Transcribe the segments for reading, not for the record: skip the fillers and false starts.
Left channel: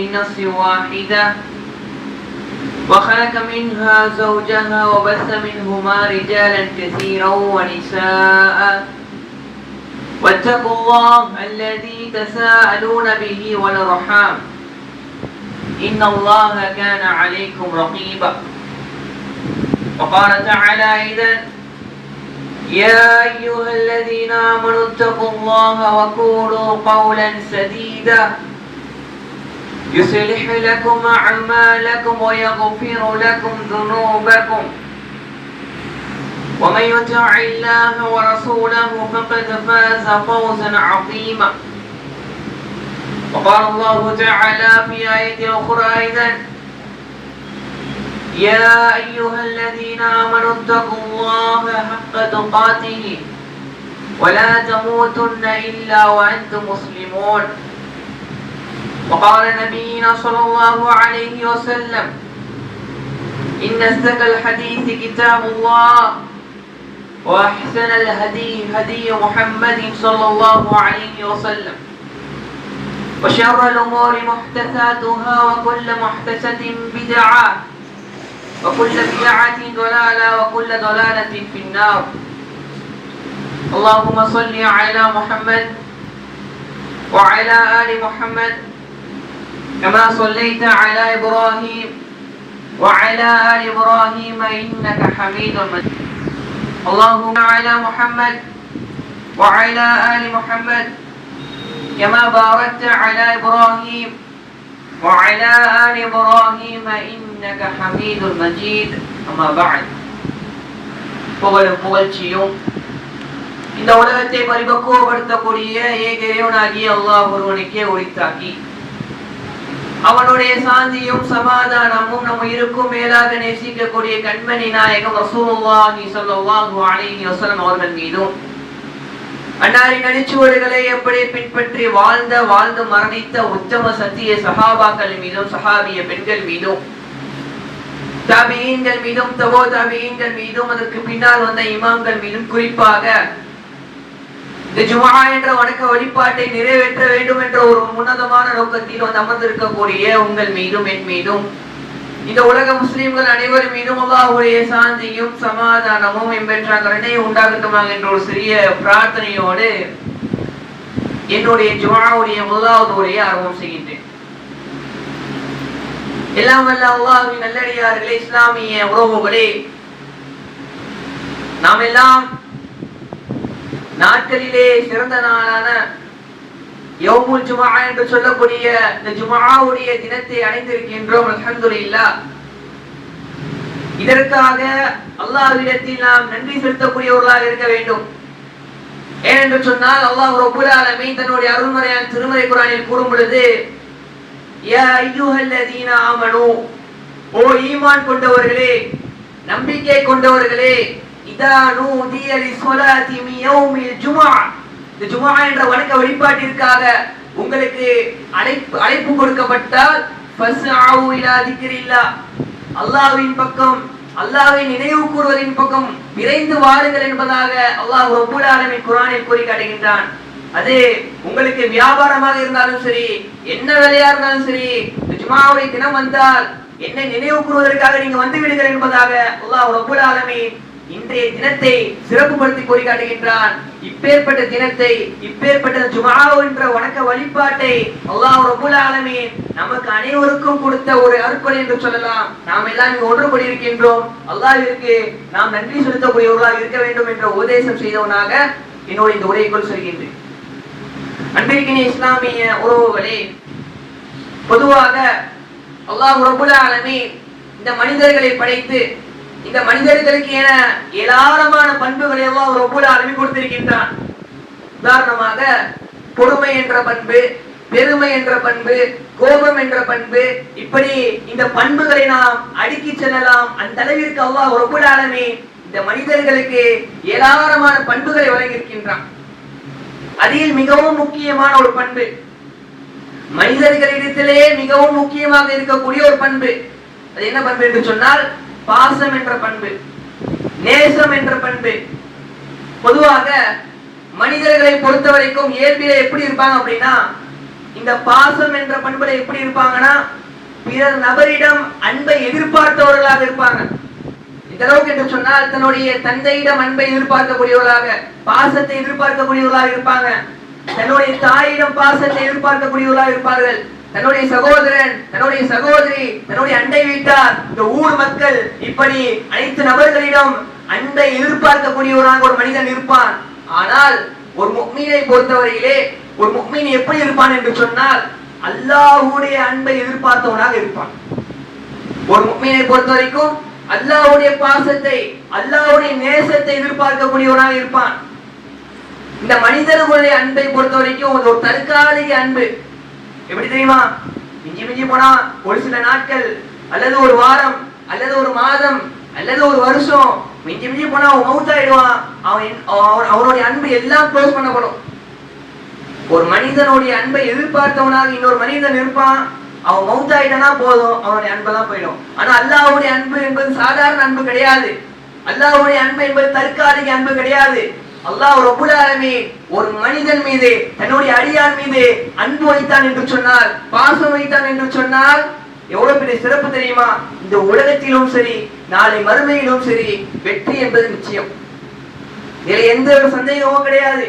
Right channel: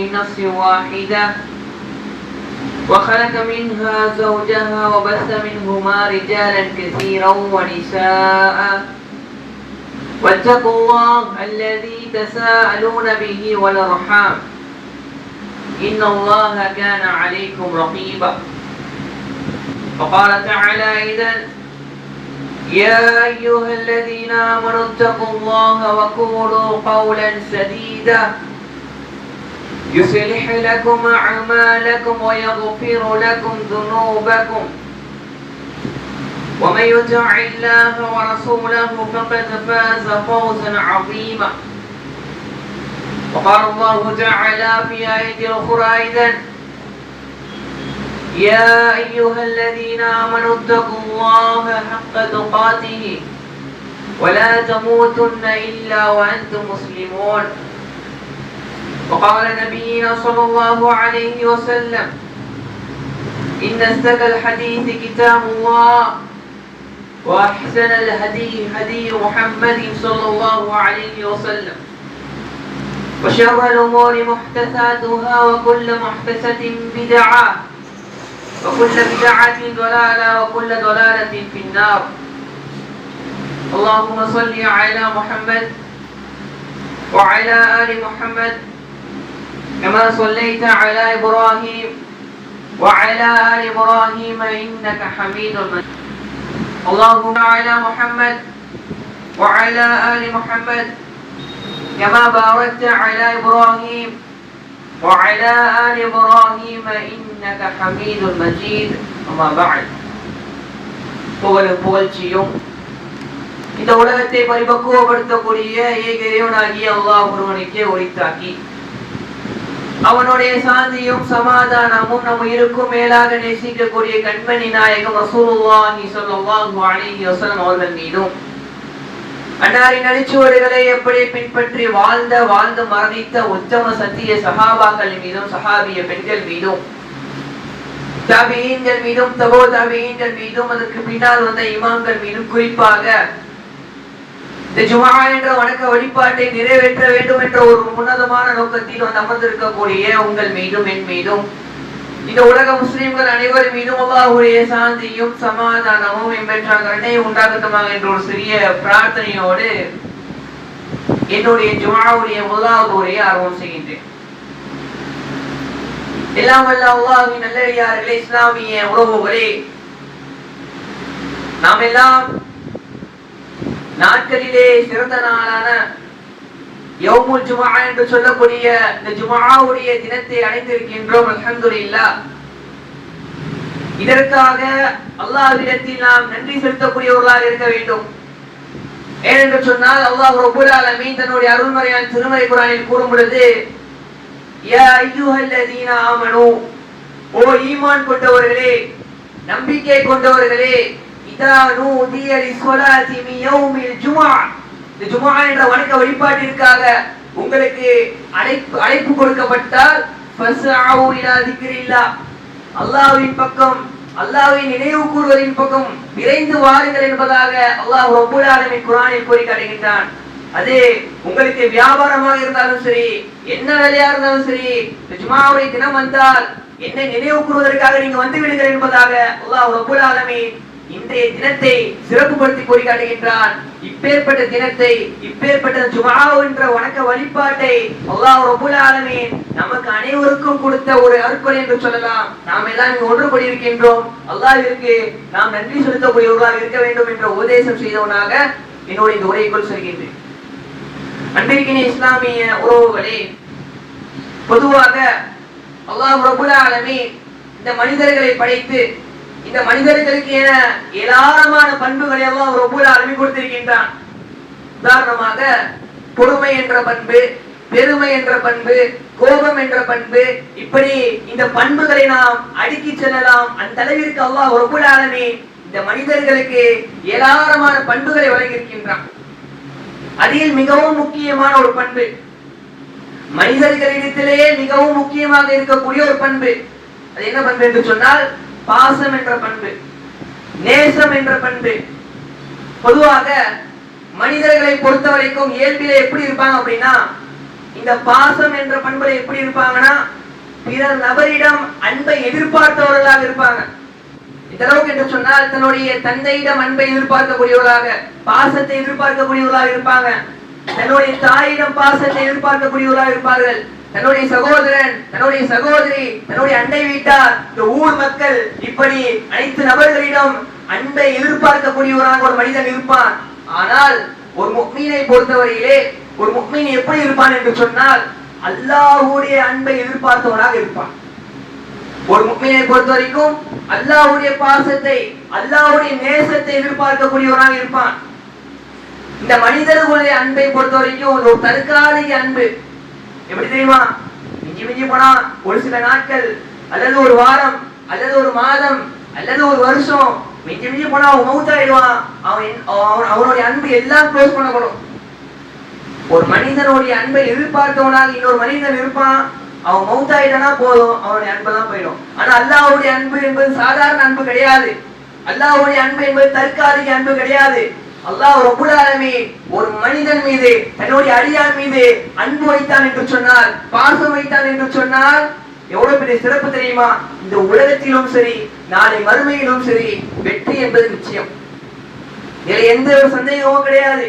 من نفس واحدة وخلق منها زوجها وبث منهما رجالا كثيرا ونساء واتقوا الله الذي تساءلون به والأرحام إن الله كان عليكم رقيبا. وقال تعالى أيضا: يا أيها الذين آمنوا اتقوا الله وقولوا قولا سديدا يصلح لكم أعمالكم ويغفر لكم ذنوبكم ومن يطع الله ورسوله فقد فاز فوزا عظيما. وقال الله تعالى في آية أخرى أيضا: يا أيها الذين آمنوا اتقوا الله حق تقاته ولا تموتن إلا وأنتم مسلمون. وقال نبينا صلى الله عليه وسلم: إن أصدق الحديث كتاب الله وأحسن الهدي هدي محمد صلى الله عليه وسلم وشر الأمور محدثاتها وكل محدثة بدعة وكل بدعة ضلالة وكل ضلالة في النار. اللهم صل على محمد وعلى آل محمد كما صليت على إبراهيم وعلى آل إبراهيم إنك حميد مجيد. اللهم على محمد وعلى آل محمد كما باركت على إبراهيم وعلى آل إبراهيم إنك حميد مجيد. أما بعد. புகழ்ச்சியும் இந்த உலகத்தை பரிபக்குவப்படுத்தக்கூடிய ஏக இறைவனாகிய அல்லாஹ் ஒருவனுக்கே உரித்தாக்கி அவனுடைய சாந்தியும் சமாதானமும் நம் உயிருக்கும் மேலாக நேசிக்கக்கூடிய கண்மணி நாயகம் ரசூலுல்லாஹி ஸல்லல்லாஹு அலைஹி வஸல்லம் அவர்கள் மீதும் அன்னாரின் அடிச்சுவடுகளை எப்படி பின்பற்றி வாழ்ந்து மரணித்த உத்தம சத்திய சஹாபாக்கள் மீதும் சஹாபிய பெண்கள் மீதும் தாபிஈன்கள் மீதும் தபோ தாபிஈன்கள் மீதும் அதற்கு பின்னால் வந்த இமாம்கள் மீதும் குறிப்பாக இந்த ஜுமா என்ற வணக்க வழிபாட்டை நிறைவேற்ற வேண்டும் என்ற ஒரு உன்னதமான நோக்கத்தில் வந்து அமர்ந்திருக்கக்கூடிய உங்கள் மீதும் என் மீதும் இந்த உலக முஸ்லிம்கள் அனைவரும் மீதும் அல்லாஹ்வுடைய சாந்தியும் சமாதானமும் எம்பெற்ற கருணையும் உண்டாகட்டுமாக என்ற ஒரு சிறிய பிரார்த்தனையோடு என்னுடைய ஜுமாவுடைய முதலாவது உரையை ஆரம்பம் செய்கின்றேன். எல்லாம் வல்ல அல்லாஹ்வின் நல்லடியார்களே, இஸ்லாமிய உறவுகளே, நாம் எல்லாம் நாட்களிலே சிறந்த நாளான யௌமுல் ஜுமா என்று சொல்லக்கூடிய இந்த ஜுமாவுடைய தினத்தை அடைந்திருக்கின்றோம். அல்ஹம்துலில்லாஹ். இதற்காக அல்லாஹ்விடத்தில் நாம் நன்றி செலுத்தக்கூடியவர்களாக இருக்க வேண்டும். ஏனென்று சொன்னால் அல்லாஹ் ரப்பல் ஆலமீன் தன்னுடைய அருள்மறையான திருமறை குர்ஆனில் கூறும் பொழுது, யா அய்யுஹல்லதீன ஆமனு, ஓ ஈமான் கொண்டவர்களே, நம்பிக்கை கொண்டவர்களே, இதா நூதிய லிஸ்ஸலாத்தி மின் யௌமில் ஜும்ஆ, இந்த ஜும்ஆ என்ற வணக்க வழிபாட்டிற்காக உங்களுக்கு அழைப்பு கொடுக்கப்பட்டால் ஃபஸ்அஉ இலா திக்ரில்லாஹ், அல்லாஹ்வின் பக்கம், அல்லாஹ்வை நினைவு கூறுவதின் பக்கம் விரைந்து வாருங்கள் என்பதாக அல்லாஹ் ரப்பல் ஆலமீன் குர்ஆனில் கூறி காட்டுகின்றான். அது உங்களுக்கு வியாபாரமாக இருந்தாலும் சரி, என்ன வேலையா இருந்தாலும் சரி, ஜும்ஆவுடைய தினம் வந்தால் என்னை நினைவு கூறுவதற்காக நீங்க வந்து விடுங்கள் என்பதாக அல்லாஹ் ரப்பல் ஆலமீன் இன்றைய தினத்தை சிறப்புப்படுத்தி கூறி காட்டுகின்றான். இப்பேற்பட்ட தினத்தை, இப்பேற்பட்ட ஜும்ஆ என்ற வணக்க வழிபாட்டை அல்லாஹ் ரப்பல் ஆலமீன் நமக்கு அனைவருக்கும் கொடுத்த ஒரு அருட்கொடை என்று சொல்லலாம். நாம் எல்லாம் இங்கு ஒன்றுபடி இருக்கின்றோம். அல்லாஹ்விற்கு நாம் நன்றி செலுத்தக்கூடியவர்களாக இருக்க வேண்டும் என்ற உபதேசம் செய்தவனாக என்னுடைய இந்த உரைக்குள் செல்கின்றேன். அன்பிற்கின இஸ்லாமிய உறவுகளே, பொதுவாக அல்லாஹ் ரப்பல் ஆலமீன் இந்த மனிதர்களை படைத்து இந்த மனிதர்களுக்கு என ஏராளமான பண்புகளை அல்லாஹ் ரப்பல் ஆலமீன் கொடுத்திருக்கின்றான். உதாரணமாக பொறுமை என்ற பண்பு, பெருமை என்ற பண்பு, கோபம் என்ற பண்பு, இப்படி இந்த பண்புகளை நாம் அடுக்கி செல்லலாம். அந்த அளவிற்கு அல்லாஹ் ரப்பல் ஆலமீன் இந்த மனிதர்களுக்கு ஏராளமான பண்புகளை வழங்கியிருக்கின்றான். அதில் மிகவும் முக்கியமான ஒரு பண்பு, மனிதர்களிடத்திலேயே மிகவும் முக்கியமாக இருக்கக்கூடிய ஒரு பண்பு, அது என்ன பண்பு என்று சொன்னால் பாசம் என்ற பண்பு, நேசம் என்ற பண்பு. பொதுவாக மனிதர்களை பொறுத்த வரைக்கும் இயல்பிலே எப்படி இருப்பாங்க அப்படின்னா, இந்த பாசம் என்ற பண்புல எப்படி இருப்பாங்கன்னா, பிறர் நபரிடம் அன்பை எதிர்பார்த்தவர்களாக இருப்பாங்க. இந்த அளவுக்கு என்று சொன்னால் தன்னுடைய தந்தையிடம் அன்பை எதிர்பார்க்கக்கூடியவர்களாக, பாசத்தை எதிர்பார்க்கக்கூடியவர்களாக இருப்பாங்க. தன்னுடைய தாயிடம் பாசத்தை எதிர்பார்க்கக்கூடியவர்களாக இருப்பார்கள். தன்னுடைய சகோதரன், தன்னுடைய சகோதரி, தன்னுடைய அண்டை வீட்டார், இந்த ஊர் மக்கள், இப்படி அனைத்து நபர்களிடம் அன்பை எதிர்பார்க்கக்கூடியவராக ஒரு மனிதன் இருப்பான். ஆனால் ஒரு முஃமினை பொறுத்தவரையிலே ஒரு முஃமின் எப்படி இருப்பான் என்று சொன்னால், அல்லாஹ்வுடைய அன்பை எதிர்பார்த்தவனாக இருப்பான். ஒரு முஃமினை பொறுத்த வரைக்கும் அல்லாஹ்வுடைய பாசத்தை, அல்லாஹ்வுடைய நேசத்தை எதிர்பார்க்கக்கூடியவனாக இருப்பான். இந்த மனிதர்களுடைய அன்பை பொறுத்த வரைக்கும் ஒரு தற்காலிக அன்பு. எப்படி தெரியுமா? மிஞ்சி மிஞ்சி போனா ஒரு சில நாட்கள் அல்லது ஒரு வாரம் அல்லது ஒரு மாதம் அல்லது ஒரு வருஷம், மிஞ்சி மிஞ்சி போனா அவன் மவுத் ஆயிடுவான். அவனுடைய அன்பு எல்லாம் க்ளோஸ் பண்ணப்படும். ஒரு மனிதனுடைய அன்பை எதிர்பார்த்தவனாக இன்னொரு மனிதன் இருப்பான். அவன் மவுத் ஆயிட்டனா போதும், அவனுடைய அன்பெல்லாம் போயிடும். ஆனா அல்லாஹ்வுடைய அன்பு என்பது சாதாரண அன்பு கிடையாது. அல்லாஹ்வுடைய அன்பு என்பது தற்காலிக அன்பு கிடையாது. அல்லாஹ் ரப்பல் ஆலமீன் ஒரு மனிதன் மீது, தன்னுடைய அடியான் மீது அன்பு வைத்தான் என்று சொன்னால், பாசம் வைத்தான் என்று சொன்னால் எவ்வளவு பெரிய சிறப்பு தெரியுமா? இந்த உலகத்திலும் சரி, நாளை மறுமையிலும் சரி, வெற்றி என்பது நிச்சயம். இதில் எந்த ஒரு சந்தேகமும் கிடையாது.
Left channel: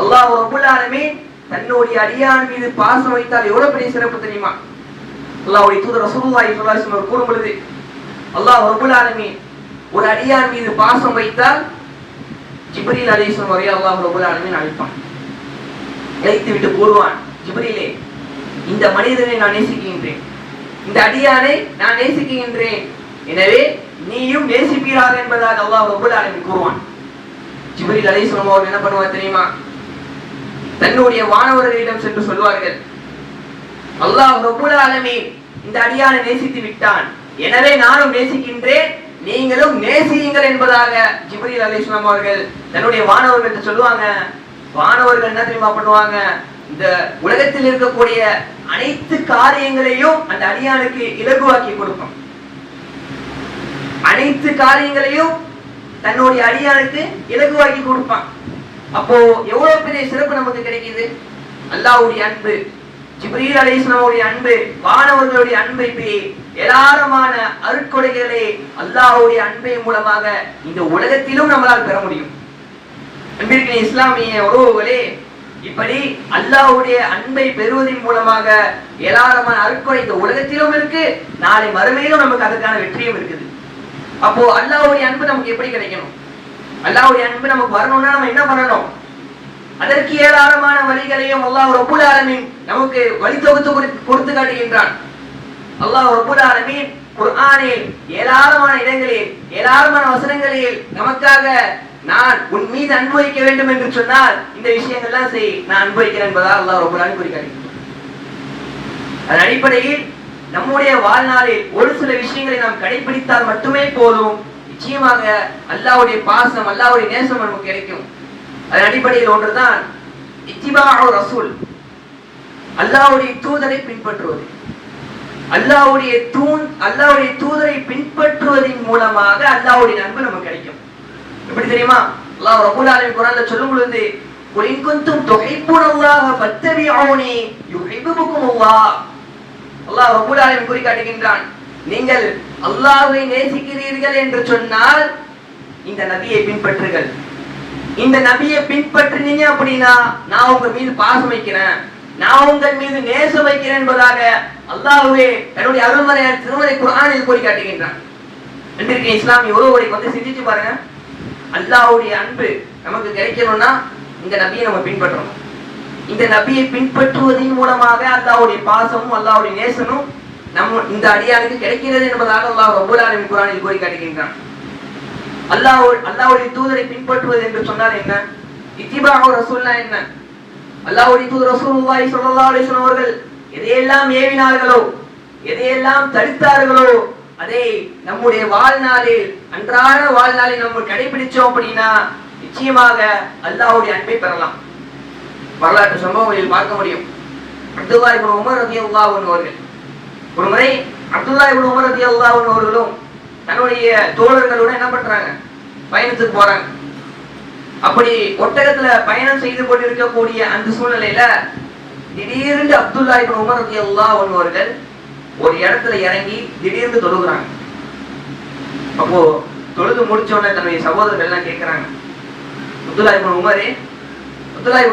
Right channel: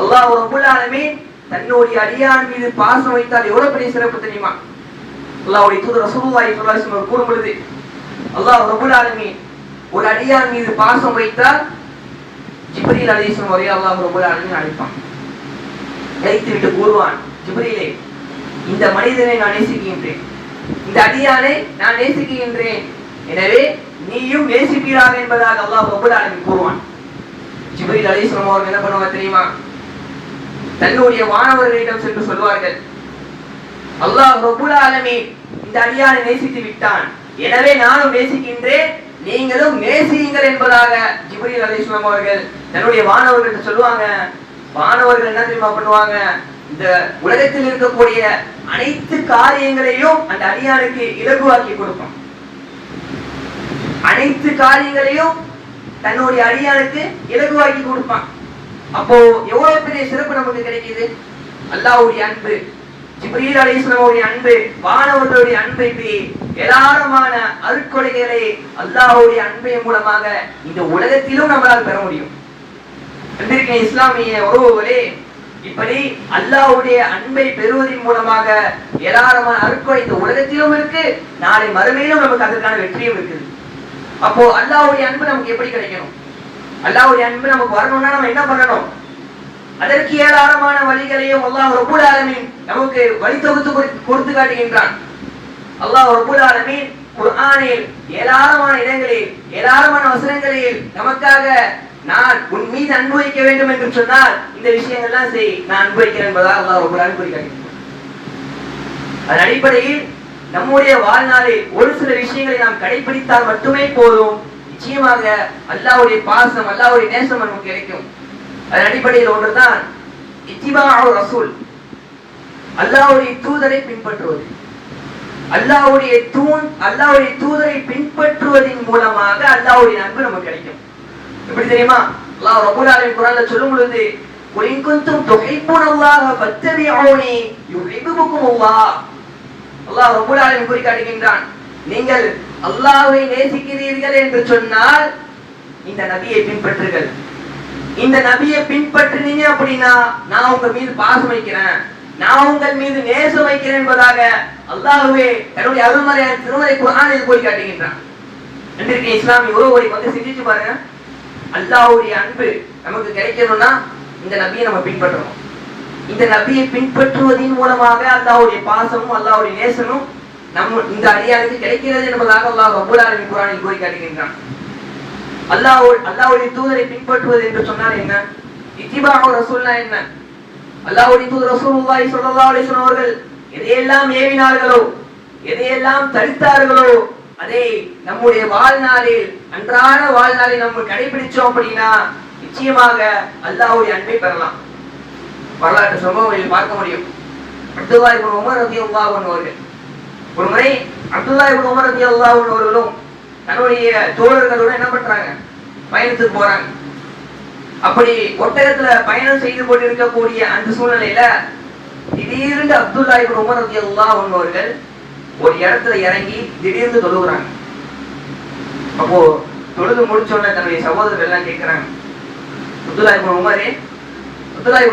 அல்லாஹ் ரப்பல் ஆலமீன் தன்னுடைய அடியான் மீது பாசம் வைத்தால் எவ்வளவு பெரிய சிறப்பு தெரியுமா? அல்லாஹ்வுடைய தூதர் ரசூலுல்லாஹி ஸல்லல்லாஹு அலைஹி வஸல்லம் கூறும்போது, அல்லாஹ் ரப்பல் ஆலமீன் ஒரு அடியான் மீது பாசம் வைத்தால் ஜிப்ரீல் அலைஹிஸ்ஸலாம் வரை அல்லாஹ் ரப்பல் ஆலமீன் அழைப்பான். அழைத்து விட்டு கூறுவான், ஜிப்ரீலே, இந்த மனிதனை நான் நேசிக்கின்றேன், இந்த அடியானை நான் நேசிக்கின்றேன், எனவே நீயும் நேசிப்பீராக என்பதாக அல்லாஹ் ரப்பல் ஆலமீன் கூறுவான். ஜிப்ரீல் அலைஹிஸ்ஸலாம் அவர்கள் என்ன பண்ணுவார் தெரியுமா? தன்னுடைய வானவர்களிடம் சென்று சொல்வார்கள், அல்லாஹ் ரப்பல் ஆலமீன் இந்த அடியானை நேசித்து விட்டான், எனவே நானும் நேசிக்கின்றேன், நீங்களும் நேசியுங்கள் என்பதாக ஜிப்ரீல் அலைஹிஸ்ஸலாம் அவர்கள் தன்னுடைய வானவர்களிடம் சொல்லுவாங்க. வானவர்கள் என்ன தெரியுமா பண்ணுவாங்க? இந்த உலகத்தில் இருக்கக்கூடிய அனைத்து காரியங்களையும் அந்த அடியானுக்கு இலகுவாக்கி கொடுக்கும். அனைத்து காரியங்களையும் தன்னுடைய அடியானுக்கு இலகுவாக்கி கொடுப்பான். அப்போ எவ்வளவு பெரிய சிறப்பு நமக்கு கிடைக்குது? அல்லாஹ்வுடைய அன்பு, ஜிப்ரீல் அலைஹிஸ்ஸலாமுடைய அன்பு, வானவர்களுடைய அன்பு, இப்படி ஏராளமான அருட்கொடைகளை அல்லாஹ்வுடைய அன்பின் மூலமாக இந்த உலகத்திலும் நம்மளால் பெற முடியும். அன்பிற்கிற இஸ்லாமிய உறவுகளே, இப்படி அல்லாஹ்வுடைய அன்பை பெறுவதன் மூலமாக ஏராளமான அருட்கொடை இந்த உலகத்திலும் இருக்கு, நாளை மறுமையிலும் நமக்கு அதற்கான வெற்றியும் இருக்குது. அப்போ அல்லாஹ்வுடைய அன்பு நமக்கு எப்படி கிடைக்கணும்? அல்லாஹ்வுடைய அன்பு நமக்கு வரணும்னா நம்ம என்ன பண்ணணும்? அதற்கு ஏராளமான வழிகளையும் அல்லாஹ் ரப்பல் ஆலமீன் நமக்கு வழி தொகுத்து கொடுத்து காட்டுகின்றான். அல்லாஹ் ரப்பல் ஆலமீன் குர்ஆனில் ஏராளமான இடங்களில், ஏராளமான வசனங்களில் நமக்காக நான் உன் மீது அன்பு வைக்க வேண்டும் என்று சொன்னால் இந்த விஷயங்கள்லாம் செய், நான் அன்பு வைக்கிறேன் என்பதாக அல்லாஹ் ரப்பல் ஆலமீன் குறிக்காட்டுகின்றான். அதன் அடிப்படையில் நம்முடைய வாழ்நாளில் ஒரு சில விஷயங்களை நாம் கடைபிடித்தால் மட்டுமே போதும், நிச்சயமாக அல்லாஹ்வுடைய பாசம், அல்லாஹ்வுடைய நேசம் நமக்கு கிடைக்கும். அதன் அடிப்படையில் ஒன்றுதான் இத்திபாஉ ரசூல், அல்லாஹ்வுடைய தூதரை பின்பற்றுவது. அல்லாஹ்வுடைய தூதரை பின்பற்றுவதன் மூலமாக அல்லாஹ்வுடைய அன்பு நமக்கு கிடைக்கும். எப்படி தெரியுமா? அல்லாஹ் ரப்பல் ஆலமீன் குர்ஆன்ல சொல்லும் பொழுது, குல் இன் குன்தும் துஹிப்பூனல்லாஹ ஃபத்தபிஊனி யுஹிப்புகுமுல்லாஹ், அல்லாஹ் ரப்பல் ஆலமீன் கூறி காட்டுகின்றான், நீங்கள் அல்லாஹ்வை நேசிக்கிறீர்கள் என்று சொன்னால் இந்த நபியை பின்பற்றுங்கள். இந்த நபியை பின்பற்றினீங்க அப்படின்னா நான் உங்க மீது பாசம் வைக்கிறேன், நான் உங்கள் மீது நேசம் வைக்கிறேன் என்பதாக அல்லாஹ்வே தன்னுடைய அருள்மறையான திருமறை குர்ஆனில் கூறி காட்டுகின்றான். அன்பிற்கு இஸ்லாமிய உறவுகளை வந்து சிந்திச்சு பாருங்க. அல்லாஹ்வுடைய அன்பு நமக்கு கிடைக்கணும்னா இந்த நபியை நம்ம பின்பற்றணும். இந்த நபியை பின்பற்றுவதன் மூலமாக அல்லாஹ்வுடைய பாசமும் அல்லாஹ்வுடைய நேசமும் இந்த அடியாருக்கு கிடைக்கிறது என்பதாக அல்லாஹ் ரப்பல் ஆலமீன் குர்ஆனில் கூறி காட்டுகின்றான். அல்லாஹ்வுடைய தூதரை பின்பற்றுவது என்று சொன்னால் என்ன? இத்திபாஉ ரசூல்னா என்ன? அல்லாஹ்வுடைய தூதர் ரசூலுல்லாஹி ஸல்லல்லாஹு அலைஹி வஸல்லம் அவர்கள் எதையெல்லாம் ஏவினார்களோ, எதையெல்லாம் தடுத்தார்களோ, அதை நம்முடைய வாழ்நாளில், அன்றாட வாழ்நாளில் நம்ம கடைபிடிச்சோம் அப்படின்னா நிச்சயமாக அல்லாஹ்வுடைய அன்பை பெறலாம். வரலாற்று சம்பவங்களில் பார்க்க முடியும். அப்துல்லாஹ் இப்னு உமர் ரலியல்லாஹு அன்ஹு அவர்கள் ஒரு முறை, அப்துல்லாஹ் இப்னு உமர் ரலியல்லாஹு அன்ஹு அவர்களும் தன்னுடைய தோழர்களோட என்ன பண்றாங்க? பயணத்துக்கு போறாங்க. அப்படி ஒட்டகத்துல பயணம் செய்து கொண்டிருக்கக்கூடிய அந்த சூழ்நிலையில திடீர்னு அப்துல்லா இப்னு உமர் ரலியல்லாஹு அன்ஹு அவர்கள் ஒரு இடத்துல இறங்கி திடீர்னு தொழுகிறாங்க. அப்போ தொழுது முடிச்ச உடனே தன்னுடைய சகோதரர் எல்லாம் கேட்கிறாங்க, அப்துல்லா இப்னு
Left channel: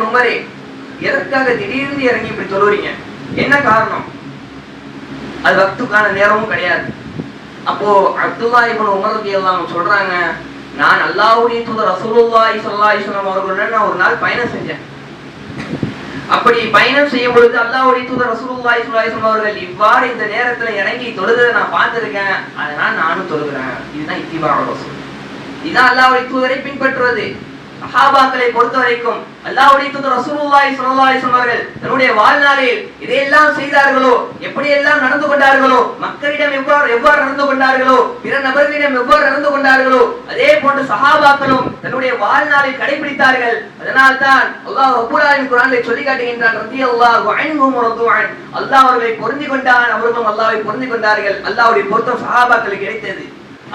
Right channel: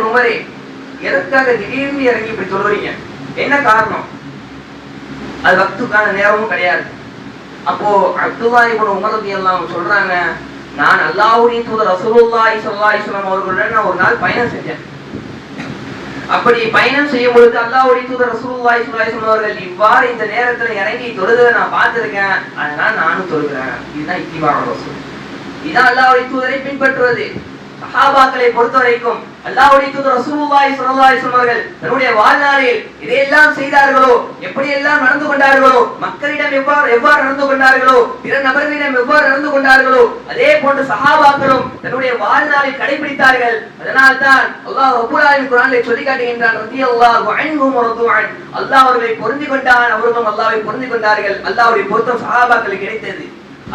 உமரே எதற்காக திடீர்னு இறங்கி இப்படி தொழுறீங்க, என்ன காரணம்? அது வக்துக்கான நேரமும் கிடையாது. அப்போ அப்துல்லா இப்னு உமர் ரலியல்லாஹு சொல்றாங்க, நான் அல்லாஹ்வுடைய தூதர் ரசூலுல்லாஹி ஸல்லல்லாஹு அலைஹி வஸல்லம் அவர்களுடன் நான் ஒரு நாள் பயணம் செஞ்சேன். அப்படி பயணம் செய்யும் பொழுது அல்லாஹ்வுடைய தூதர் ரசூலுல்லாஹி ஸல்லல்லாஹு அலைஹி வஸல்லம் அவர்கள் இவ்வாறு இந்த நேரத்துல இறங்கி தொழுததை நான் பார்த்திருக்கேன், அதனால நானும் தொழுகிறேன். இதுதான் இத்திபாஉ ரசூல். இதுதான் அல்லாஹ்வுடைய தூதரை பின்பற்றுவது. சஹாபாக்களை பொறுத்த வரைக்கும் அல்லாஹ்வுடைய தூதர் ரசூலுல்லாஹி ஸல்லல்லாஹு அலைஹி வஸல்லம் அவர்கள் தன்னுடைய வாழ்நாளில் இதையெல்லாம் செய்தார்களோ, எப்படியெல்லாம் நடந்து கொண்டார்களோ, மக்களிடம் எவ்வாறு நடந்து கொண்டார்களோ, பிற நபர்களிடம் எவ்வாறு நடந்து கொண்டார்களோ, அதே போன்று சஹாபாக்களும் தன்னுடைய வாழ்நாளில் கடைபிடித்தார்கள். அதனால் தான் அல்லாஹ் ரப்பல் ஆலமீன் குர்ஆனில் சொல்லி காட்டுகின்றான், ரலியல்லாஹு அன்ஹும் வ ரது அன். அல்லாஹ் அவர்களை பொருந்தி கொண்டான், அவர்களும் அல்லாஹ்வை பொருந்தி கொண்டார்கள். அல்லாஹ்வுடைய பொருத்தம் சஹாபாக்களுக்கு கிடைத்தது,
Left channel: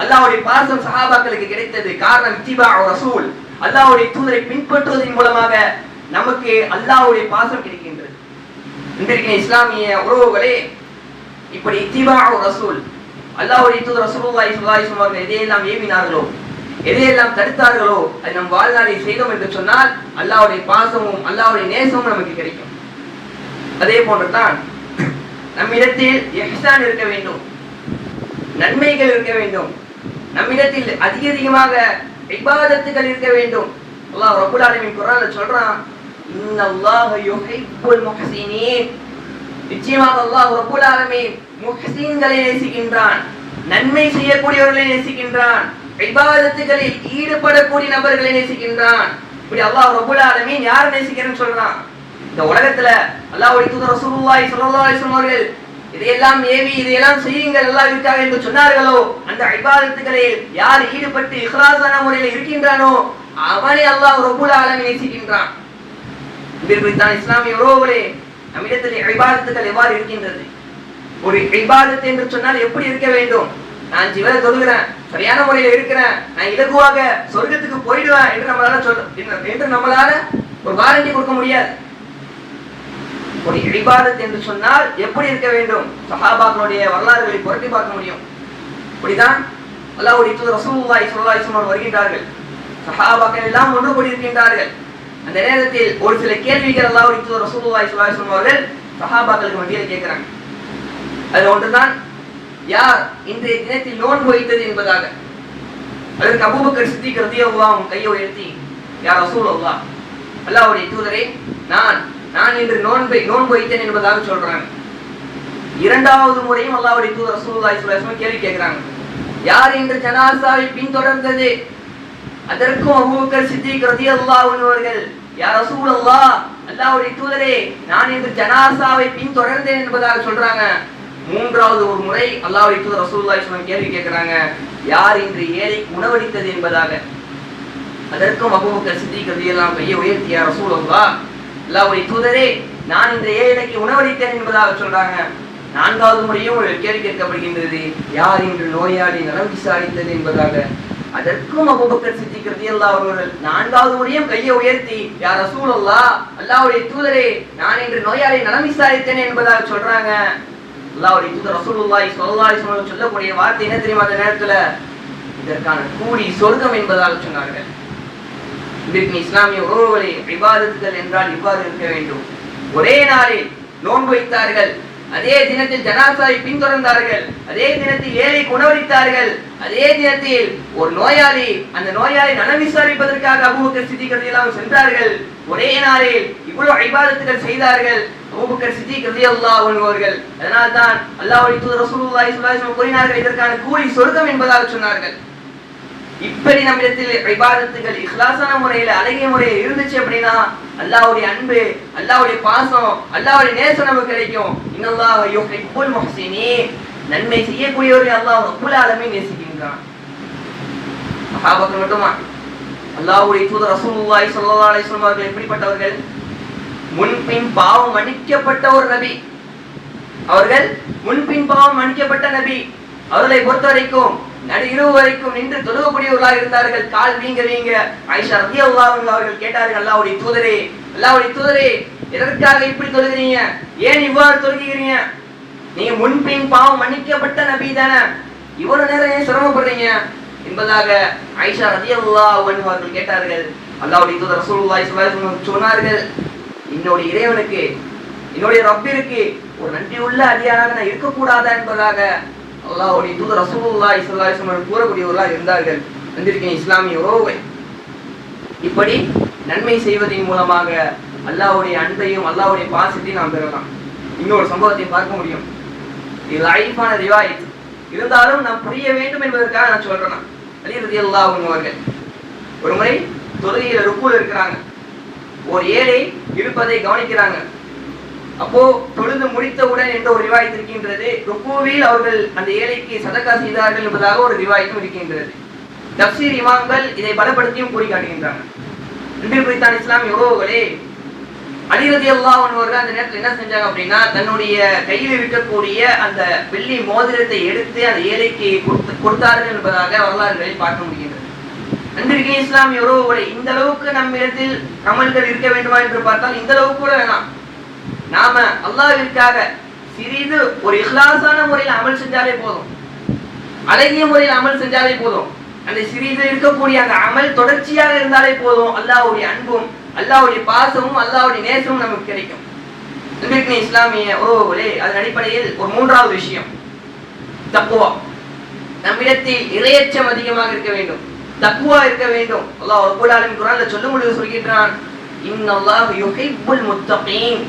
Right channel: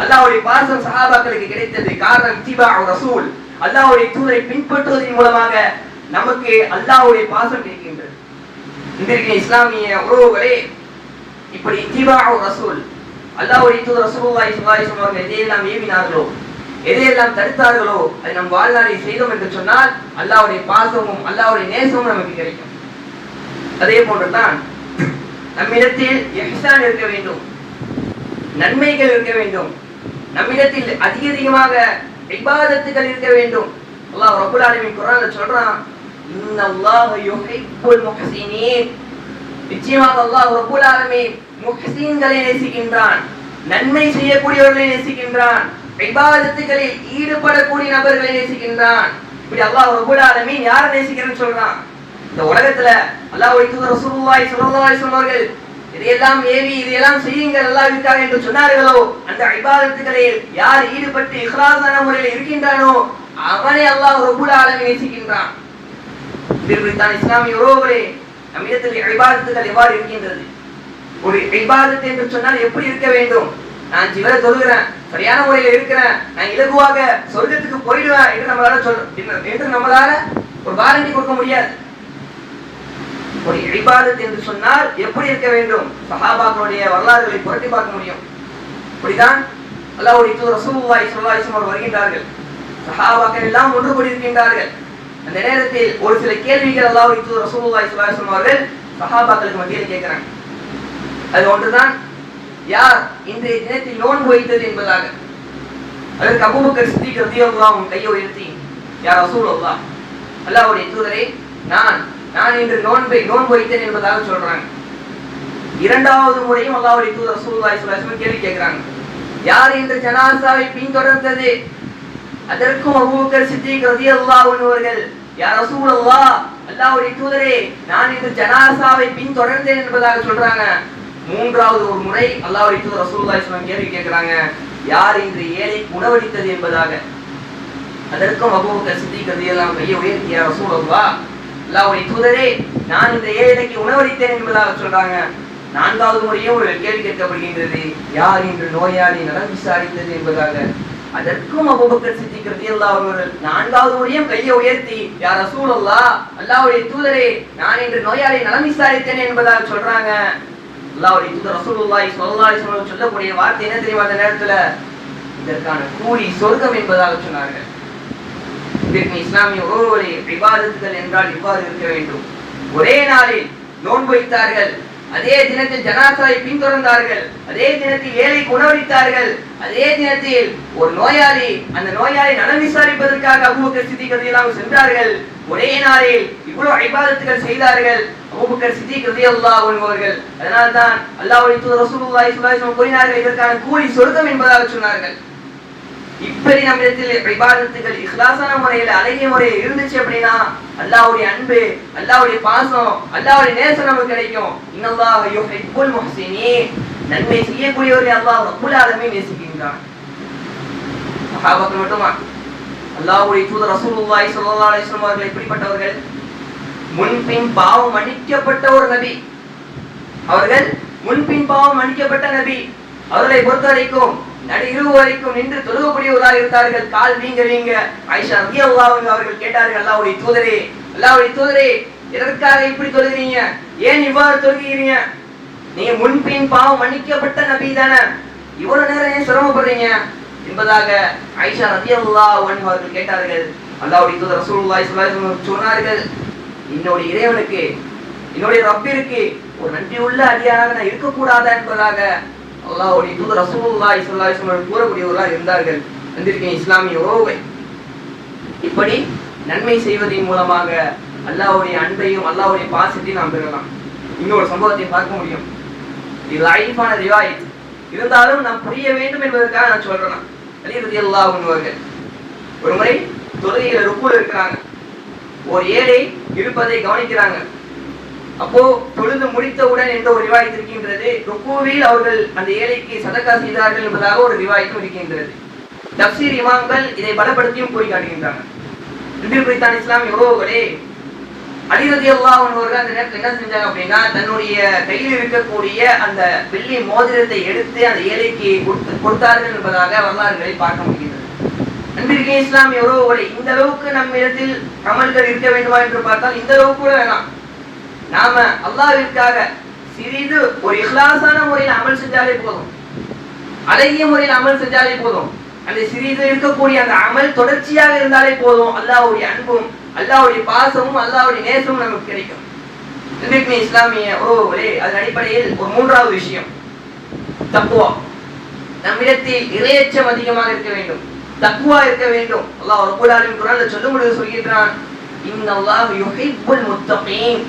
அல்லாஹ்வுடைய பாசம் சஹாபாக்களுக்கு கிடைத்தது. காரணம் இத்திபாஉ ரசூல். அல்லாஹ்வுடைய தூதரை பின்பற்றுவதன் மூலமாக நமக்கு அல்லாஹ்வுடைய பாசம் கிடைக்கின்றது. இன்றைக்கு இஸ்லாமிய உறவுகளே, இப்படி இத்திபாஉ ரசூல், அல்லாஹ்வுடைய தூதர் ரசூலுல்லாஹி ஸல்லல்லாஹு அலைஹி வஸல்லம் அவர்கள் எதையெல்லாம் ஏவினார்களோ, எதையெல்லாம் தடுத்தார்களோ, அதை நம் வாழ்நாளில் செய்தோம் என்று சொன்னால் அல்லாஹ்வுடைய பாசமும் அல்லாஹ்வுடைய நேசமும் நமக்கு கிடைக்கும். அதே போன்றுதான் நம்மிடத்தில் இஹ்சான் இருக்க வேண்டும், நன்மைகள் இருக்க வேண்டும், நம்மிடத்தில் அதிகமாக இபாதத்துகள் இருக்க வேண்டும். அல்லாஹ் ரப்பல் ஆலமீன் குர்ஆன்ல சொல்றான், இன்னல்லாஹ யுஹிப்புல் முஹ்ஸினீன். நிச்சயமாக அல்லாஹ் ரப்பல் ஆலமீன் முஹ்ஸின்களை நேசிக்கின்றான், நன்மை செய்யக்கூடியவர்களை நேசிக்கின்றான், இபாதத்துகளில் ஈடுபடக்கூடிய நபர்களை நேசிக்கின்றான். இப்படி அல்லாஹ் ரப்பல் ஆலமீன் யாரை நேசிக்கிறேன்னு சொல்றான்? இந்த உலகத்துல அல்லாஹ்வுடைய தூதர் ரசூலுல்லாஹி ஸல்லல்லாஹு அலைஹி வஸல்லம் அவர்கள் இதையெல்லாம் ஏவி இதையெல்லாம் செய்யுங்கள் அல்லாஹ்விற்காக என்று சொன்னார்களோ, அந்த இபாதத்துகளில் யார் ஈடுபட்டு இஹ்லாஸான முறையில் இருக்கின்றானோ அவனை அல்லாஹ் ரப்பல் ஆலமீன் நேசிக்கின்றான். இதுதான் இஸ்லாமிய உறவுகளே, நம்மிடத்தில் இபாதத்துகள் எவ்வாறு இருக்கின்றது? ஒரு இபாதத் என்று சொன்னால் எப்படி இருக்க வேண்டும்? நான் ஜிவர தொழுகிறேன், சரியான முறையில் இருக்கிறேன், நான் இலகுவாக சொர்க்கத்துக்கு போயிடுவேன் என்று நம்மளால ஒரு வாரண்டி கொடுக்க முடியாது. ஒரு இபாதத் என்று சொன்னால் எப்படி இருக்க வேண்டும்? சஹாபாக்களுடைய வரலாறுகளை புரட்டி பார்க்க முடியும். இப்படிதான் அல்லாஹ்வுடைய தூதர் ரசூலுல்லாஹி ஸல்லல்லாஹு அலைஹி வஸல்லம் வருகின்றார்கள், சஹாபாக்கள் எல்லாம் ஒன்று கூடியிருக்கின்றார்கள். அந்த நேரத்தில் ஒரு சில கேள்விகள் அல்லாஹ்வுடைய தூதர் ரசூலுல்லாஹி ஸல்லல்லாஹு அலைஹி வஸல்லம் அவர்கள் சஹாபாக்களுக்கு மத்தியில் கேட்கிறாங்க. அது ஒன்றுதான், யார் இன்றைய தினத்தில் நோன்பு வைத்தது என்பதாக. அதற்கு அபூபக்கர் சித்திக் ரலியல்லாஹு அன்ஹு கையை உயர்த்தி, யா ரசூலல்லாஹ், அல்லாஹ்வுடைய தூதரே, நான் இன்று நோன்பு வைத்தேன் என்பதாக சொல்றாங்க. இரண்டாவது முறையும் அல்லாஹ்வுடைய தூதர் ரசூலுல்லாஹி ஸல்லல்லாஹு அலைஹி வஸல்லம் கேள்வி கேட்கிறாங்க, யார் இன்று ஜனாஸாவை பின்தொடர்ந்தது? அதற்கும் அபூபக்கர் சித்திக் ரலியல்லாஹு அன்ஹு அவர்கள், யா ரசூலல்லாஹ், அல்லாஹ்வுடைய தூதரே, நான் இன்று ஜனாஸாவை பின்தொடர்ந்தேன் என்பதாக சொல்றாங்க. மூன்றாவது ஒரு முறை அல்லாஹ்வுடைய தூதர் ரசூலுல்லாஹி ஸல்லல்லாஹு அலைஹி வஸல்லம் கேள்வி கேட்கிறாங்க, யார் இன்று ஏழைக்கு உணவளித்தது என்பதாக. அதற்கும் அபூபக்கர் சித்திக் ரலியல்லாஹு அன்ஹு கையை உயர்த்தி, யா ரசூலல்லாஹ், அல்லாஹ்வுடைய தூதரே, நான் இந்த ஏழைக்கு உணவளித்தேன் என்பதாக சொல்றாங்க. நான்காவது முறையும் ஒரு கேள்வி கேட்கப்படுகின்றது, யார் இன்று நோயாளி நலம் விசாரித்தது என்பதாக. அதற்கும் அபூபக்கர் சித்திக் ரலியல்லாஹு அன்ஹு அவர்கள் நான்காவது முறையும் கையை உயர்த்தி, யா ரசூலல்லாஹ், அல்லாஹ்வுடைய தூதரே, நான் இன்று நோயாளி நலம் விசாரித்தேன் என்பதாக சொல்றாங்க. அல்லாஹ்வுடைய தூதர் ரசூலுல்லாஹி ஸல்லல்லாஹு அலைஹி வஸல்லம் சொல்லக்கூடிய வார்த்தை என்ன தெரியுமா? அந்த நேரத்துல இதற்கான கூலி சொர்க்கம் என்பதாக சொன்னார்கள். இதற்கு இஸ்லாமிய உறவுகளை இபாதத்துகள் என்றால் இவ்வாறு இருக்க வேண்டும். ஒரே நாளில் நோன்பு வைத்தார்கள், அதே தினத்தில் ஜனாஸாவை பின்தொடர்ந்தார்கள், அதே தினத்தில் ஏழைக்கு உணவளித்தார்கள், அதே தினத்தில் ஒரு நோயாளி, அந்த நோயாளி நலம் விசாரிப்பதற்காக அபூபக்கர் சித்திக் ரலியல்லாஹு அன்ஹு சென்றார்கள். ஒரே நாளில் இவ்வளவு இபாதத்துகள் செய்தார்கள் அபூபக்கர் சித்திக் ரலியல்லாஹு அன்ஹு அவர்கள். அதனால் தான் அல்லாஹ்வுடைய தூதர் ரசூலுல்லாஹி ஸல்லல்லாஹு அலைஹி வஸல்லம் கூறினார்கள், இதற்கான கூலி சொர்க்கம் என்பதாக சொன்னார்கள். இப்படி நம்மிடத்தில் இபாதத்துகள் இஹ்லாஸான முறையில் அழகிய முறையில் இருந்துச்சு அப்படின்னா அல்லாஹ்வுடைய அன்பு, அல்லாஹ்வுடைய பாசம், அல்லாஹ்வுடைய நேசம் நமக்கு கிடைக்கும். இன்னல்லாஹ யுஹிப்புல் முஹ்ஸினீன். நன்மை செய்யக்கூடியவர்களை அல்லாஹ் ரப்பல் ஆலமீன் நேசிக்கின்றான். சஹாபாக்கள் மட்டுமா? அல்லாஹ்வுடைய தூதர் ரசூலுல்லாஹி ஸல்லல்லாஹு அலைஹி வஸல்லம் அவர்கள் எப்படிப்பட்டவர்கள்? முன்பின் பாவம் மன்னிக்கப்பட்ட ஒரு நபி. அவர்கள் முன்பின் பாவம் மன்னிக்கப்பட்ட நபி. அவர்களை பொறுத்த வரைக்கும் நடுஇரவு வரைக்கும் நின்று தொழுகக்கூடியவர்களாக இருந்தார்கள். கால் வீங்க ஆயிஷா ரலியல்லாஹு அன்ஹா அவர்கள் கேட்டார்கள், அல்லாஹ்வுடைய தூதரே, எதற்காக இப்படி தொழுகிறீங்க, ஏன் இவ்வாறு தொழுகிறீங்க, நீங்க முன்பின் பாவம் மன்னிக்கப்பட்ட நபி தானே, இவ்வளவு நேரம் ஏன் சிரமப்படுறீங்க என்பதாக ஆயிஷா ரலியல்லாஹு அன்ஹா அவர்கள் கேட்டார்கள். அல்லாஹ்வுடைய தூதர் ரசூலுல்லாஹி ஸல்லல்லாஹு அலைஹி வஸல்லம் சொன்னார்கள், என்னுடைய இறைவனுக்கு, என்னுடைய ரப்பிற்கு ஒரு நன்றியுள்ள அடியாராக நான் இருக்கக்கூடாதா என்பதாக அல்லாஹ்வுடைய தூதர் ரசூலுல்லாஹி ஸல்லல்லாஹு அலைஹி வஸல்லம் கூறக்கூடியவர்களாக இருந்தார்கள். வந்திருக்கிற இஸ்லாமிய உறவுகள், இப்படி நன்மை செய்வதன் மூலமாக அல்லாஹ்வுடைய அன்பையும் அல்லாஹ்வுடைய பாசத்தையும் நாம் பெறலாம். இன்னொரு சம்பவத்தை பார்க்க முடியும். இது லைஃபான ரிவாயத் இருந்தாலும் நாம் புரிய வேண்டும் என்பதற்காக நான் சொல்றேன். அலி ரலியல்லாஹு அன்ஹு அவர்கள் ஒரு முறை தொழுகையில ருக்குல இருக்கிறாங்க. ஒரு ஏழை இருப்பதை கவனிக்கிறாங்க. அப்போ தொழுது முடித்தவுடன் என்ற ஒரு ரிவாயத் இருக்கின்றது, ருக்குவில் அவர்கள் அந்த ஏழைக்கு சதக்கா செய்தார்கள் என்பதாக ஒரு ரிவாயத்தும் இருக்கின்றது. தப்சீர் இமாம்கள் இதை பலப்படுத்தியும் கூறி காட்டுகின்றனர். இன்றைய இஸ்லாமிய உறவுகளே, அலி ரலியல்லாஹு அன்ஹு அவர்கள் அந்த நேரத்தில் என்ன செஞ்சாங்க அப்படின்னா, தன்னுடைய கையில் இருக்கக்கூடிய அந்த வெள்ளி மோதிரத்தை எடுத்து அந்த ஏழைக்கு கொடுத்தார்கள் என்பதாக வரலாறுகளை பார்க்க முடிகிறது. அன்றைய இஸ்லாமிய உறவுகளை, இந்த அளவுக்கு நம்ம இடத்தில் அமல்கள் இருக்க வேண்டுமா என்று பார்த்தால் இந்த அளவுக்கு கூட வேணாம். நாம அல்லாஹ்விற்காக சிறிது ஒரு இஹ்லாஸான முறையில் அமல் செஞ்சாலே போதும், அழகிய முறையில் அமல் செஞ்சாலே போதும். அந்த சிறிது இருக்கக்கூடிய அந்த அமல் தொடர்ச்சியாக இருந்தாலே போதும், அல்லாஹ்வுடைய அன்பும் அல்லாஹ்வுடைய பாசமும் அல்லாஹ்வுடைய நேசமும் நமக்கு கிடைக்கும். இன்றைக்கு இஸ்லாமிய உறவுகளே, அதன் அடிப்படையில் ஒரு மூன்றாவது விஷயம் தக்வா. நம்மிடத்தில் இறையச்சம் அதிகமாக இருக்க வேண்டும், தக்வா இருக்க வேண்டும். அல்லாஹ் ரப்பல் ஆலமீன் குர்ஆன்ல சொல்லும்போது சொல்கிறான், இன்னல்லாஹு யுஹிப்புல் முத்தகீன்.